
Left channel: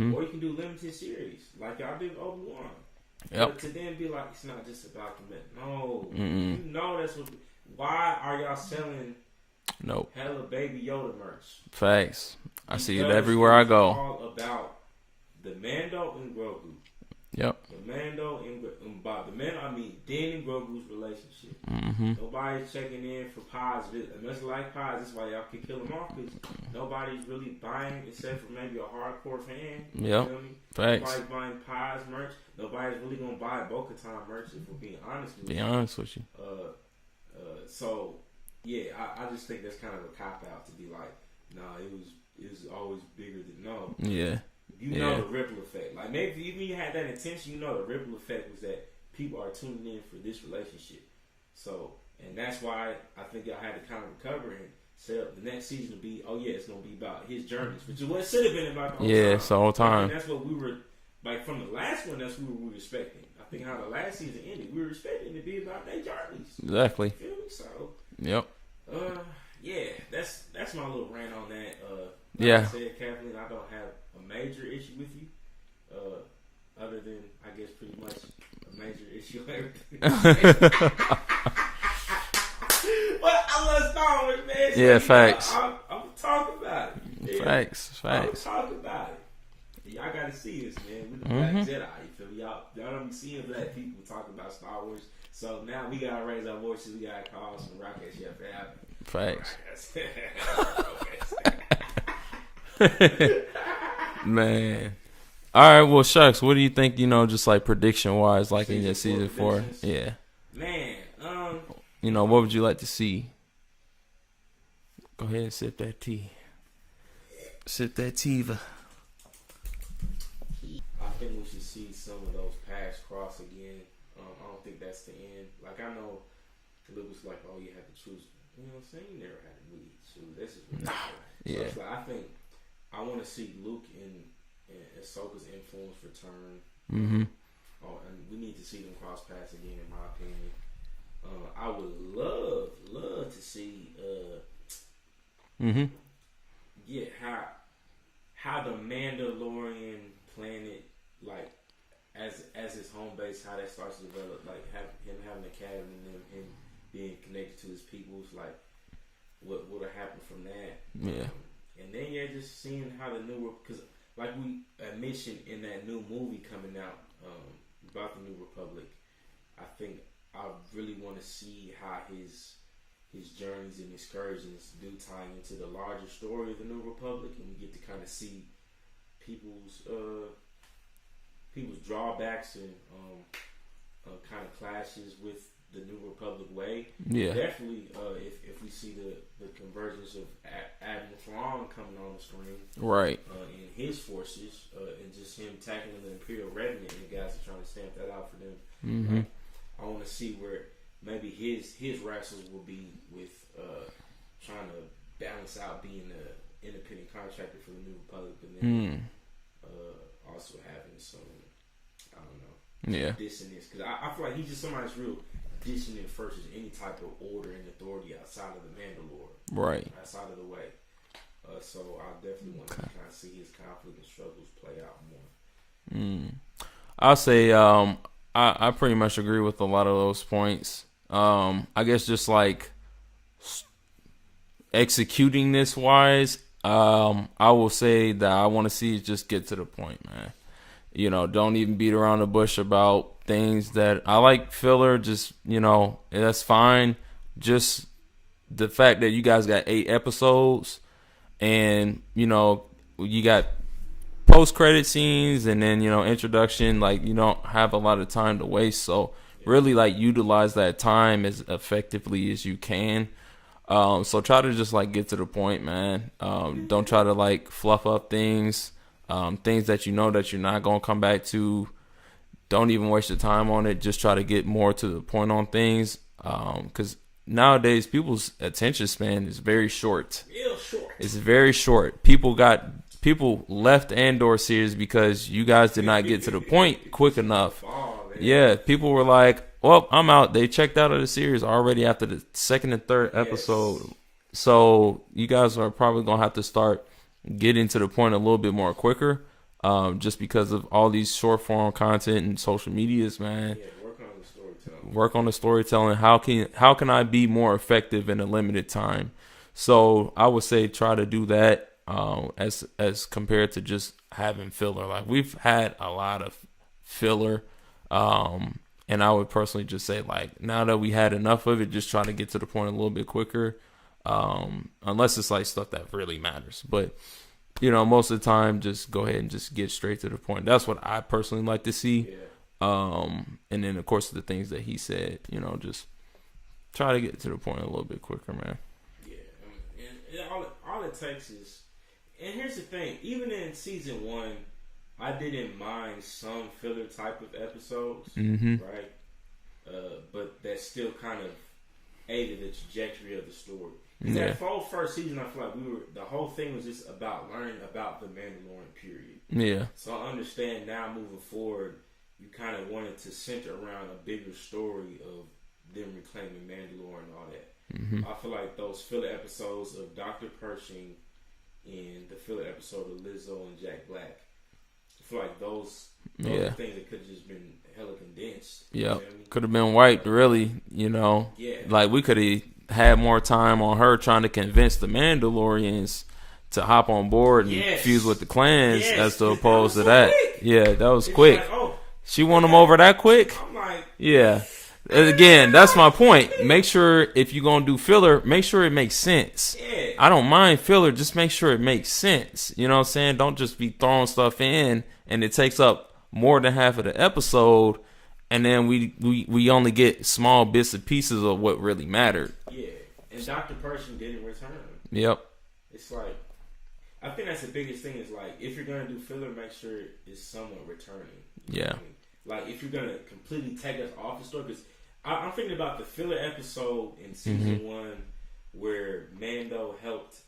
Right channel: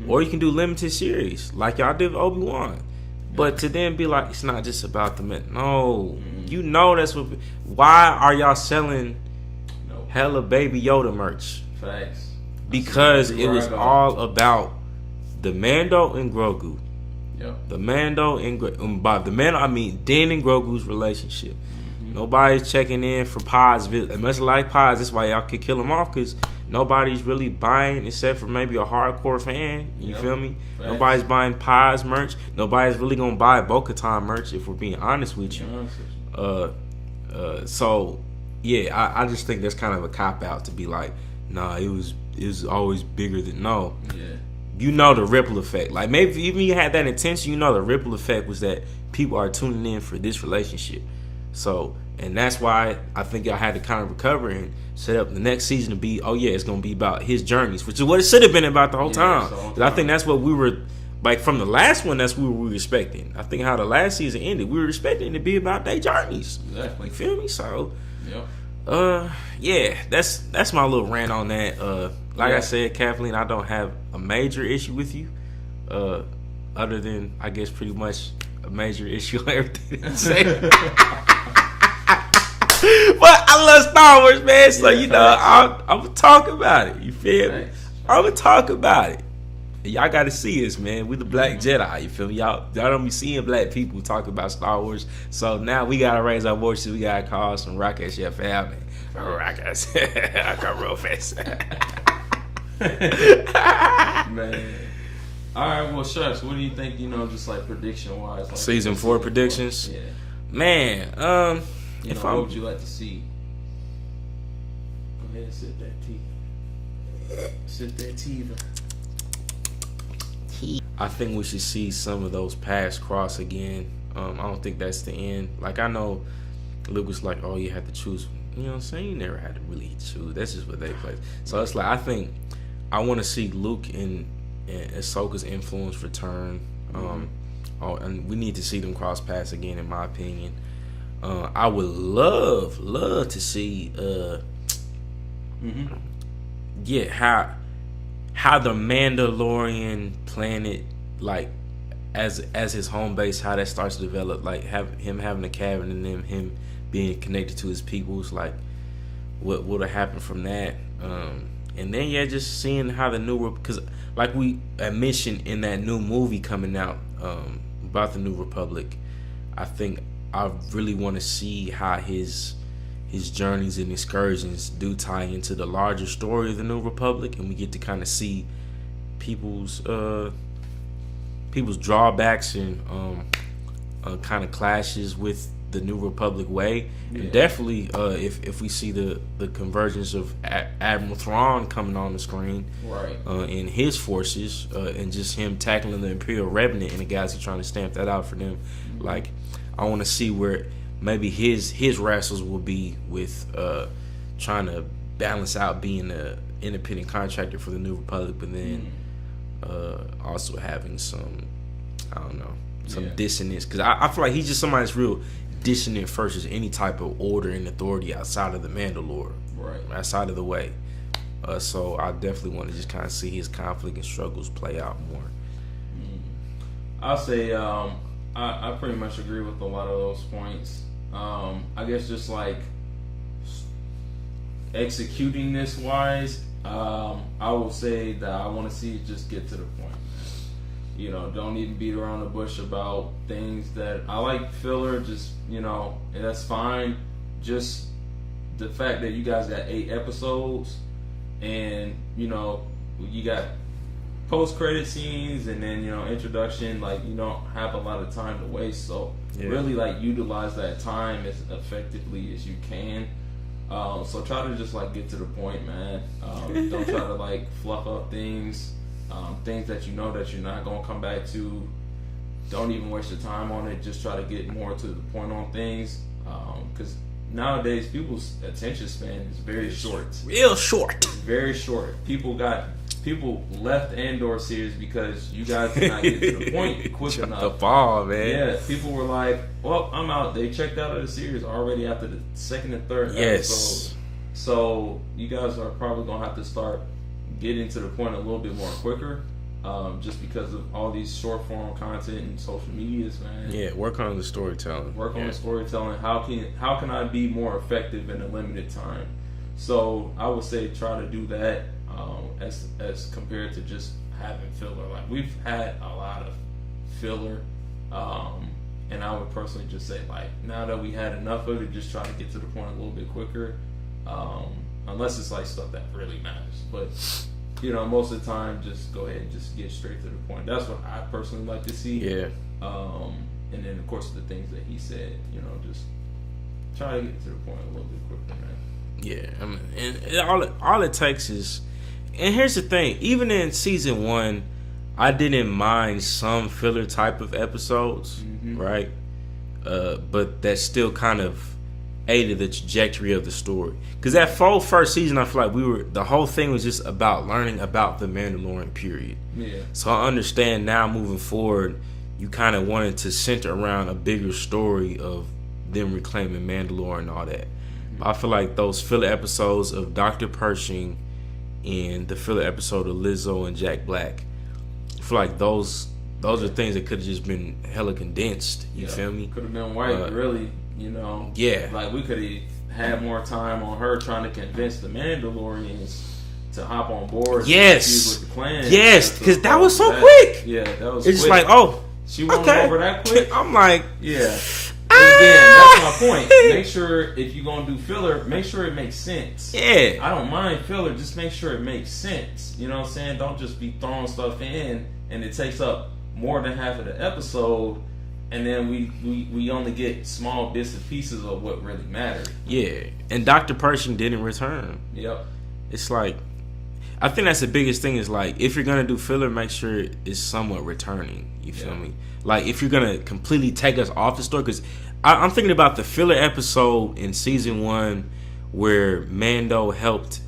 or you can do limited series like y'all did with Obi-Wan. Yep. But to then be like, it's not just about the men. No, you know that's what. Why are y'all selling hella Baby Yoda merch? Facts. Because it was all about the Mando and Grogu. Yep. The Mando and by the Mando I mean Din and Grogu's relationship. Nobody's checking in for Pod's visit. Much like Pod's, that's why y'all could kill him off, because nobody's really buying except for maybe a hardcore fan. You feel me? Facts. Nobody's buying Pod's merch. Nobody's really gonna buy Bo-Katan merch, if we're being honest with you. So yeah, I just think that's kind of a cop out to be like, nah, it was always bigger than no. Yeah. You know the ripple effect. Like, maybe even you had that intention, you know the ripple effect was that people are tuning in for this relationship. So, and that's why I think y'all had to kind of recover and set up the next season to be, it's going to be about his journeys, which is what it should have been about the whole time. The whole time. I think that's what we were, like, from the last one, that's what we were expecting. I think how the last season ended, we were expecting it to be about their journeys. Exactly. You feel me? So, yep. Yeah, that's my little rant on that. Like I said, Kathleen, I don't have a major issue with you, other than I guess pretty much a major issue on everything that you say. But I love Star Wars, man. So I'm gonna talk about it. You feel me? I'm gonna talk about it. Y'all got to see us, man. We the Black Jedi. You feel me? Y'all don't be seeing black people talk about Star Wars. So now we gotta raise our voices. We gotta call some rocket shit family. Rockets. I got real fast. Man. All right, well, shucks. What do you think? Just like prediction wise, like season 4 predictions. 4? Yeah, man. What would you like to see? Go ahead and sip that tea. Sip that tea. I think we should see some of those paths cross again. I don't think that's the end. Like, I know Luke was like, "Oh, you had to choose." You know what I'm saying? You never had to really choose. That's just what they play. So it's like, I think I want to see Luke and Ahsoka's influence return. And we need to see them cross paths again, in my opinion. I would love to see how the Mandalorian planet, like, as his home base, how that starts to develop, like him having a cabin and then him being connected to his peoples, like what would have happened from that. And then just seeing how the new, because like we mentioned in that new movie coming out about the New Republic, I think I really want to see how his journeys and excursions do tie into the larger story of the New Republic, and we get to kind of see people's drawbacks and kind of clashes with the New Republic way. Definitely, if we see the convergence of Admiral Thrawn coming on the screen, right, and his forces, and just him tackling the Imperial Revenant and the guys who trying to stamp that out for them. Like, I want to see where maybe his wrestles will be with trying to balance out being an independent contractor for the New Republic, but then also having some, I don't know, some dissonance, because I feel like he's just somebody that's real dissonant versus any type of order and authority outside of the Mandalore, right, outside of the way. So I definitely want to just kind of see his conflict and struggles play out more. I'll say I pretty much agree with a lot of those points. I guess just like executing this wise, I will say that I want to see it just get to the point, man. Don't even beat around the bush about things that I like filler. Just, that's fine. Just the fact that you guys got 8 episodes and, you got post-credit scenes and then, introduction, like, you don't have a lot of time to waste. So really, like, utilize that time as effectively as you can. So try to just, like, get to the point, man. Don't try to, like, fluff up things. things that you know that you're not gonna come back to. Don't even waste your time on it. Just try to get more to the point on things, because nowadays people's attention span is very short. Real short. It's very short. People left Andor series because you guys did not get to the point quick enough. Fall, man. Yeah, people were like, "Well, I'm out." They checked out of the series already after the second and third episode. So you guys are probably gonna have to start getting to the point a little bit more quicker, just because of all these short form content and social medias, man. Yeah, work on the storytelling. Work on the storytelling. How can I be more effective in a limited time? So I would say try to do that, as compared to just having filler. Like, we've had a lot of filler, and I would personally just say, like, now that we had enough of it, just try to get to the point a little bit quicker, unless it's like stuff that really matters. But most of the time, just go ahead and just get straight to the point. That's what I personally like to see. Yeah. And then of course the things that he said, just try to get to the point a little bit quicker, man. Yeah, I mean, and all it takes is, and here's the thing: even in season 1, I didn't mind some filler type of episodes, right? But that still kind of aided the trajectory of the story. Because that whole first season, I feel like the whole thing was just about learning about the Mandalorian period. Yeah. So I understand now, moving forward, you kind of wanted to center around a bigger story of them reclaiming Mandalore and all that. I feel like those filler episodes of Dr. Pershing and the filler episode of Lizzo and Jack Black, I feel like those are things that could have just been hella condensed. You feel me? Could have been white, really. Yeah. Like, we could have had more time on her trying to convince the Mandalorians to hop on board and fuse with the clan. Yes, because that was so quick. Yeah, that was it's quick. It's like, she won them over that quick? I'm like... Yeah. And again, that's my point. Make sure, if you're going to do filler, make sure it makes sense. Yeah. I don't mind filler, just make sure it makes sense. You know what I'm saying? Don't just be throwing stuff in and it takes up more than half of the episode, and then we only get small bits and pieces of what really mattered. Yeah. And Dr. Pershing didn't return. Yep. It's like, I think that's the biggest thing, is like, if you're going to do filler, make sure it's somewhat returning. You feel me? Like, if you're going to completely take us off the story, because I'm thinking about the filler episode in season 1 where Mando helped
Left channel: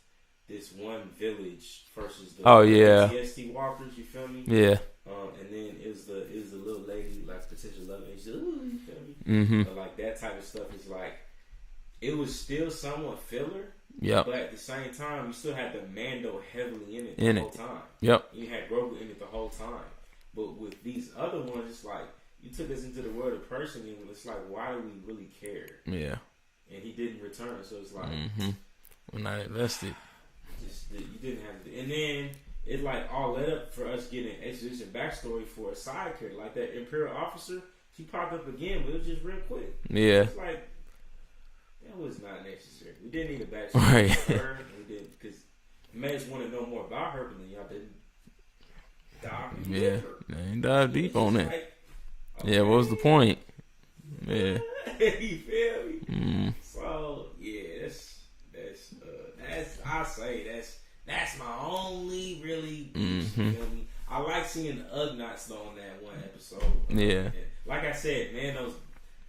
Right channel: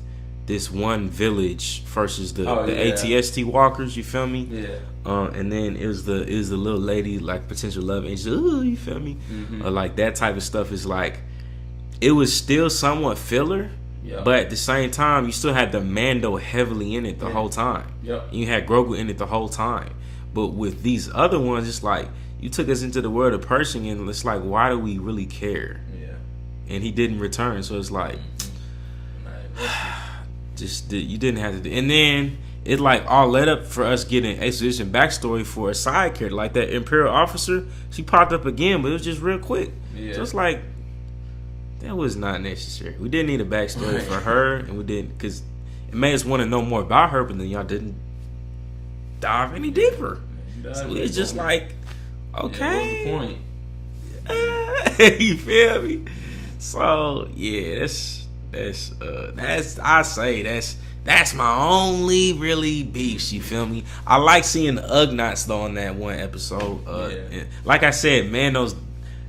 this one village versus the ATST walkers, you feel me? Yeah. And then it was the little lady, like, potential love angel, ooh, you feel me? Like, that type of stuff is like, it was still somewhat filler. Yep. But at the same time, you still had the Mando heavily in it the whole time. Yep. You had Grogu in it the whole time. But with these other ones, it's like, you took us into the world of Pershing, and it's like, why do we really care? Yeah. And he didn't return, so it's like, you didn't have to do. And then it like all led up for us getting exposition backstory for a side character like that Imperial officer. She popped up again, but it was just real quick. Yeah. So it's like, that was not necessary. We didn't need a backstory for her, and we didn't, because it made us want to know more about her, but then y'all didn't dive any deeper. So it's just like, okay. Yeah, what was the point? You feel me? So yeah, that's my only really beef. You feel me? I like seeing the Ugnaughts though in that one episode. Like I said, man,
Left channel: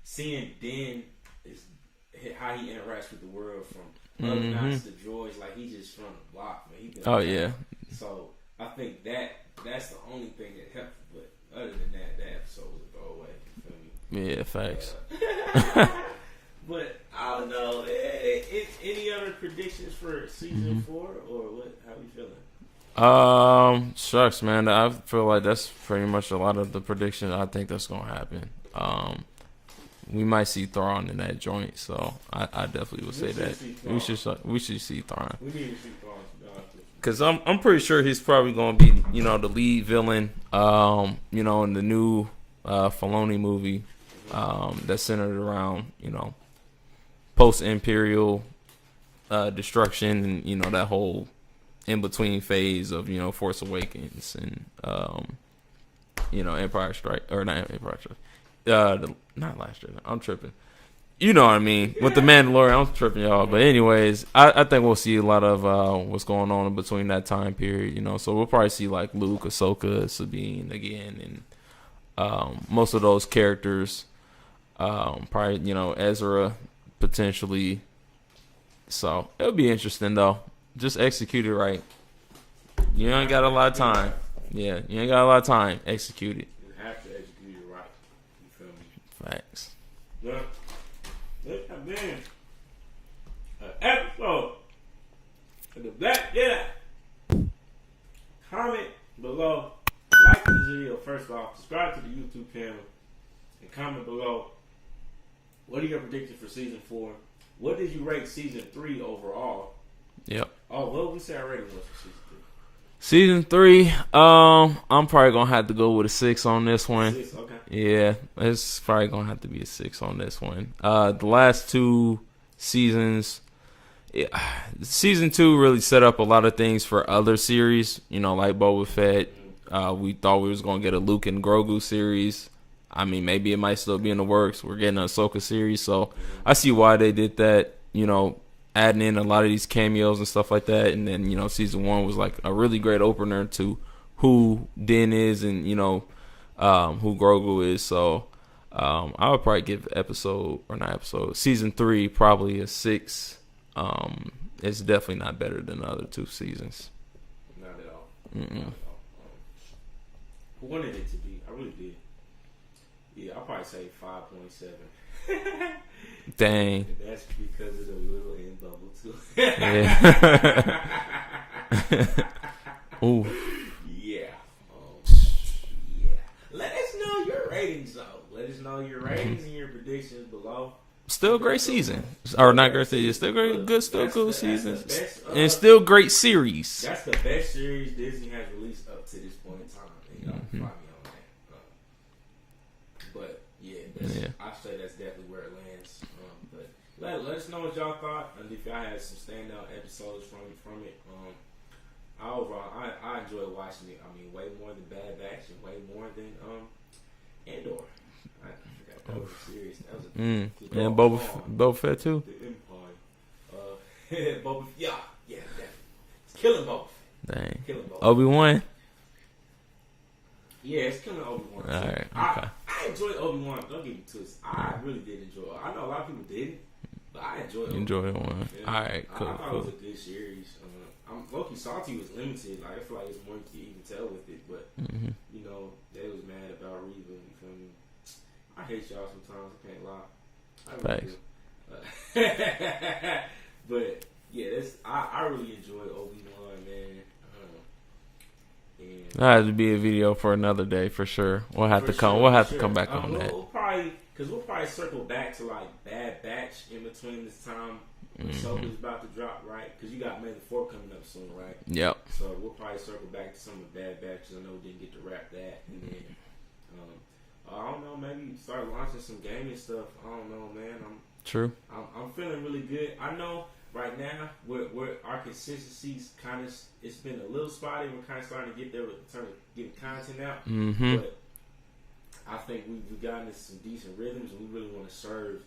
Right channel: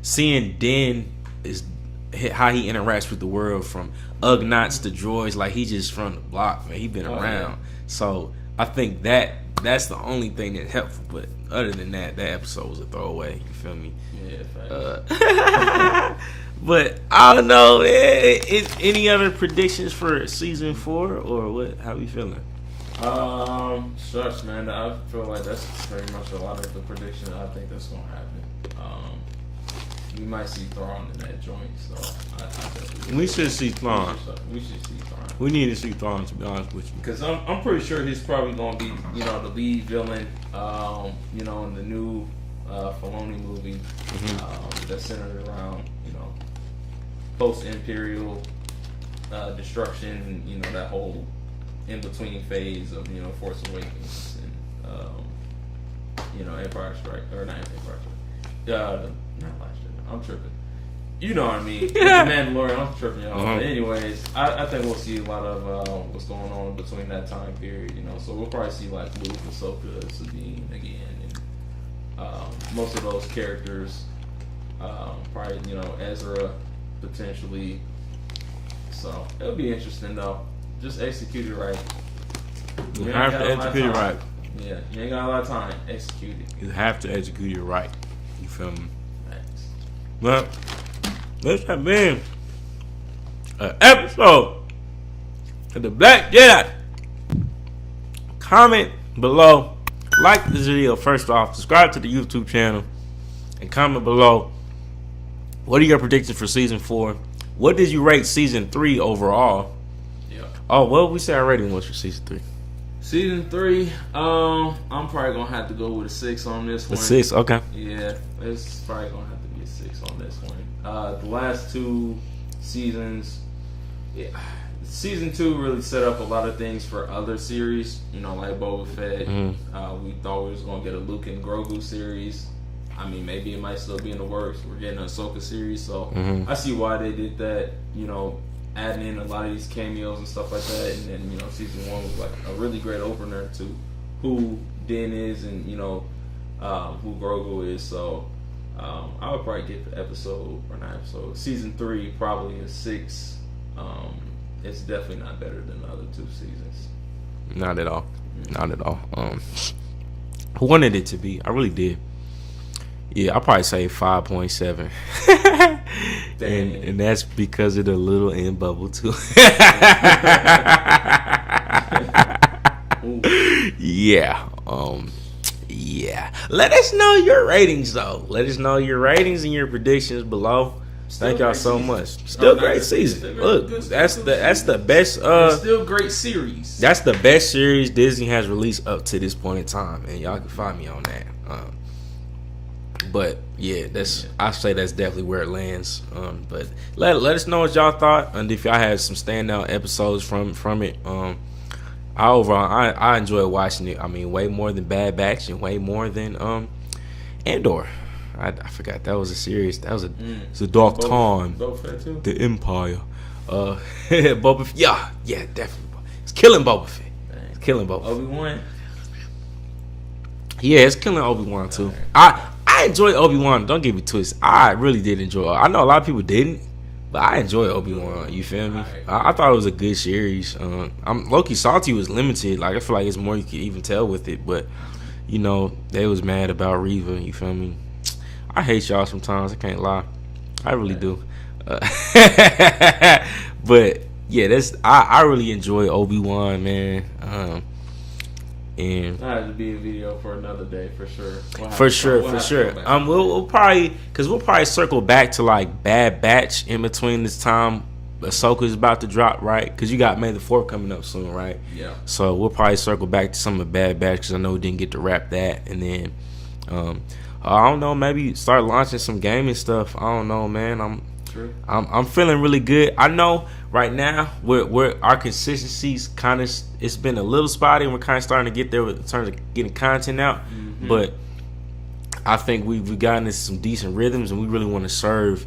seeing Din is how he interacts with the world, from Ugnaughts to droids. Like, he just from the block, man. He been around. Yeah. So I think that's the only thing that's helpful. But other than that, that episode was a throwaway. You feel me? Yeah, thanks. But I don't know. Any other predictions for season 4 or what? How we feeling? Shucks, man. I feel like that's pretty much a lot of the predictions I think that's gonna happen. We might see Thrawn in that joint, so I definitely would. We should see Thrawn. We should see Thrawn. We need to see Thrawn, to be honest with you, because I'm pretty sure he's probably gonna be the lead villain, in the new Filoni movie, that's centered around post-Imperial destruction, and that whole in-between phase of Force Awakens and Empire Strike, or not Empire Strike, not Last Jedi. I'm tripping. You know what I mean? With the Mandalorian, I'm tripping y'all. But anyways, I think we'll see a lot of what's going on in between that time period. You know, so we'll probably see like Luke, Ahsoka, Sabine again, and most of those characters. Probably Ezra potentially. So it'll be interesting though. Just execute it right. You ain't got a lot of time. Right. Yeah, you ain't got a lot of time. Execute it. You have to execute it right. You feel me? Thanks. Well, this has been an episode of The Black Jedi. Comment below. Like this video first off. Subscribe to the YouTube channel. And comment below. What are your predictions for season 4? What did you rate season 3 overall? Yep. Oh, what we say our rating was for season 3? Season 3, I'm probably gonna have to go with a 6 on this one. 6, okay. Yeah, it's probably gonna have to be a 6 on this one. The last 2 seasons, season 2 really set up a lot of things for other series. Like Boba Fett. We thought we was gonna get a Luke and Grogu series. I mean, maybe it might still be in the works. We're getting an Ahsoka series, so I see why they did that. Adding in a lot of these cameos and stuff like that, and then season 1 was like a really great opener to who Din is and who Grogu is. So I would probably give season 3 probably a 6. It's definitely not better than the other 2 seasons. Not at all. Not at all. I wanted it to be. I really did. Yeah, I'll probably say 5.7. Dang. And that's because of the little end bubble too. Yeah. Yeah. Let us know your ratings though. Let us know your ratings and your predictions below. Thank y'all so much. Still not great season. Look, that's the best. And still great series. That's the best series Disney has released up to this point in time, and y'all can find me on that. But yeah, I say that's definitely where it lands. But let us know what y'all thought, and if y'all had some standout episodes from it. I enjoy watching it. I mean, way more than Bad Batch and way more than Andor. I forgot that was a series. That was it's a dark time. Boba Fett too. The Empire. Boba Fett. Yeah, definitely. It's killing Boba Fett. Dang. It's killing Boba. Obi-Wan. Yeah, it's killing Obi-Wan too. Right. I enjoy Obi-Wan. Don't get me twisted. I really did enjoy it. I know a lot of people didn't, but I enjoy Obi-Wan. You feel me? Right, I thought it was a good series. I'm low-key salty was limited. Like I feel like it's more you could even tell with it, but they was mad about Reva. You feel me? I hate y'all sometimes. I can't lie. I really do. But yeah, I really enjoy Obi-Wan, man. And that had to be a video for another day for sure. We'll for sure. We'll probably circle back to like Bad Batch in between this time. Ahsoka's about to drop, right? Because you got May the 4th coming up soon, right? Yep. So we'll probably circle back to some of Bad Batch because I know we didn't get to wrap that, and then I don't know, maybe start launching some gaming stuff. I don't know, man. I'm feeling really good. I know right now we're our consistency's kind of, it's been a little spotty, and we're kind of starting to get there in terms of getting content out. But I think we've gotten into some decent rhythms, and we really want to serve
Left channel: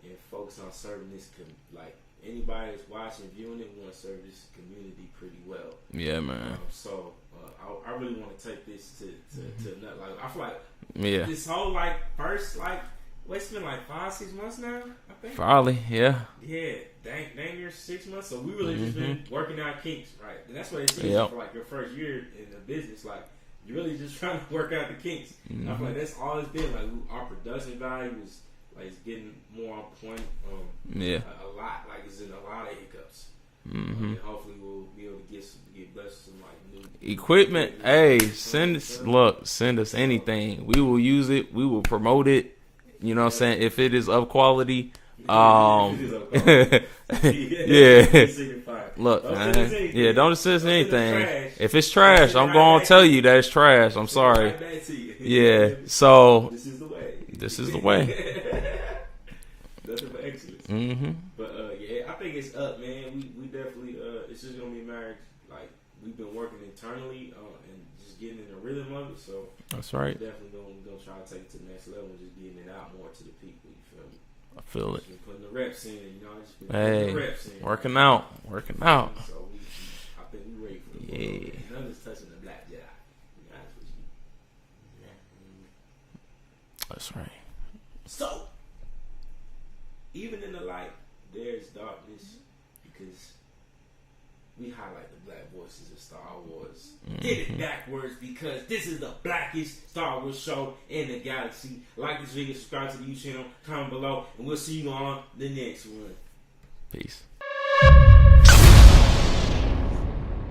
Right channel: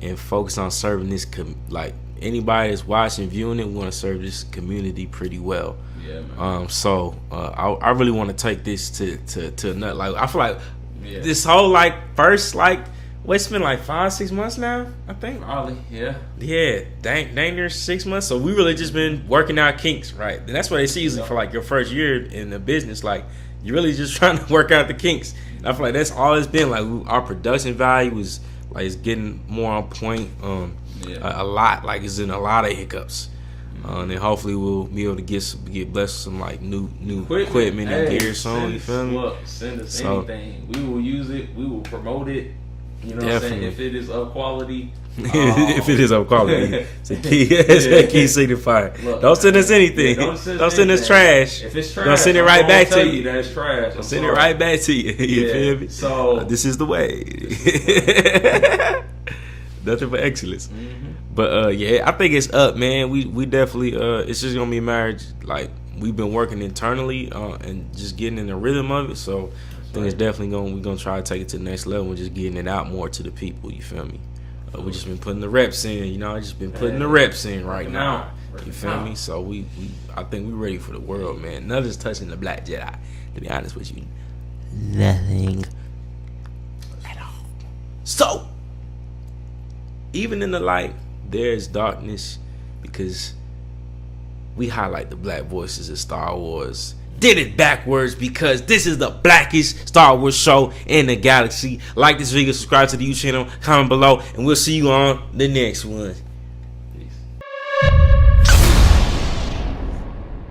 and focus on serving this like anybody that's watching, viewing it, we want to serve this community pretty well. Yeah, man. So I really want to take this to another. Like I feel like this whole like first like. It's been like 5-6 months now, I think. Probably, yeah. Yeah, dang near 6 months. So we really just been working out kinks, right? And that's what they see for like your first year in the business. Like you're really just trying to work out the kinks. And I feel like that's all it's been. Like our production value is like it's getting more on point. A lot. Like it's in a lot of hiccups. And then hopefully we'll be able to get blessed with some like new equipment and gear. Send us anything. We will use it. We will promote it. You know what I'm saying? If it is of quality. If it is of quality. It's a key signifier. Look, don't send us anything. Yeah, don't send us trash. If it's trash, send it right back to you. That it's trash. I'm send sorry. It right back to you. Yeah. So this is the way. Nothing but excellence. But yeah, I think it's up, man. We definitely it's just gonna be a marriage. Like we've been working internally and just getting in the rhythm of it. So it's definitely we're gonna try to take it to the next level and just getting it out more to the people. You feel me? But we just been putting the reps in, you know. Just been putting the reps in right now. You feel me? So I think we ready for the world, man. Nothing's touching the Black Jedi. To be honest with you, nothing at all. So, even in the light, there's darkness because we highlight the black voices of Star Wars. Did it backwards because this is the blackest Star Wars show in the galaxy. Like this video, subscribe to the YouTube channel, comment below, and we'll see you on the next one.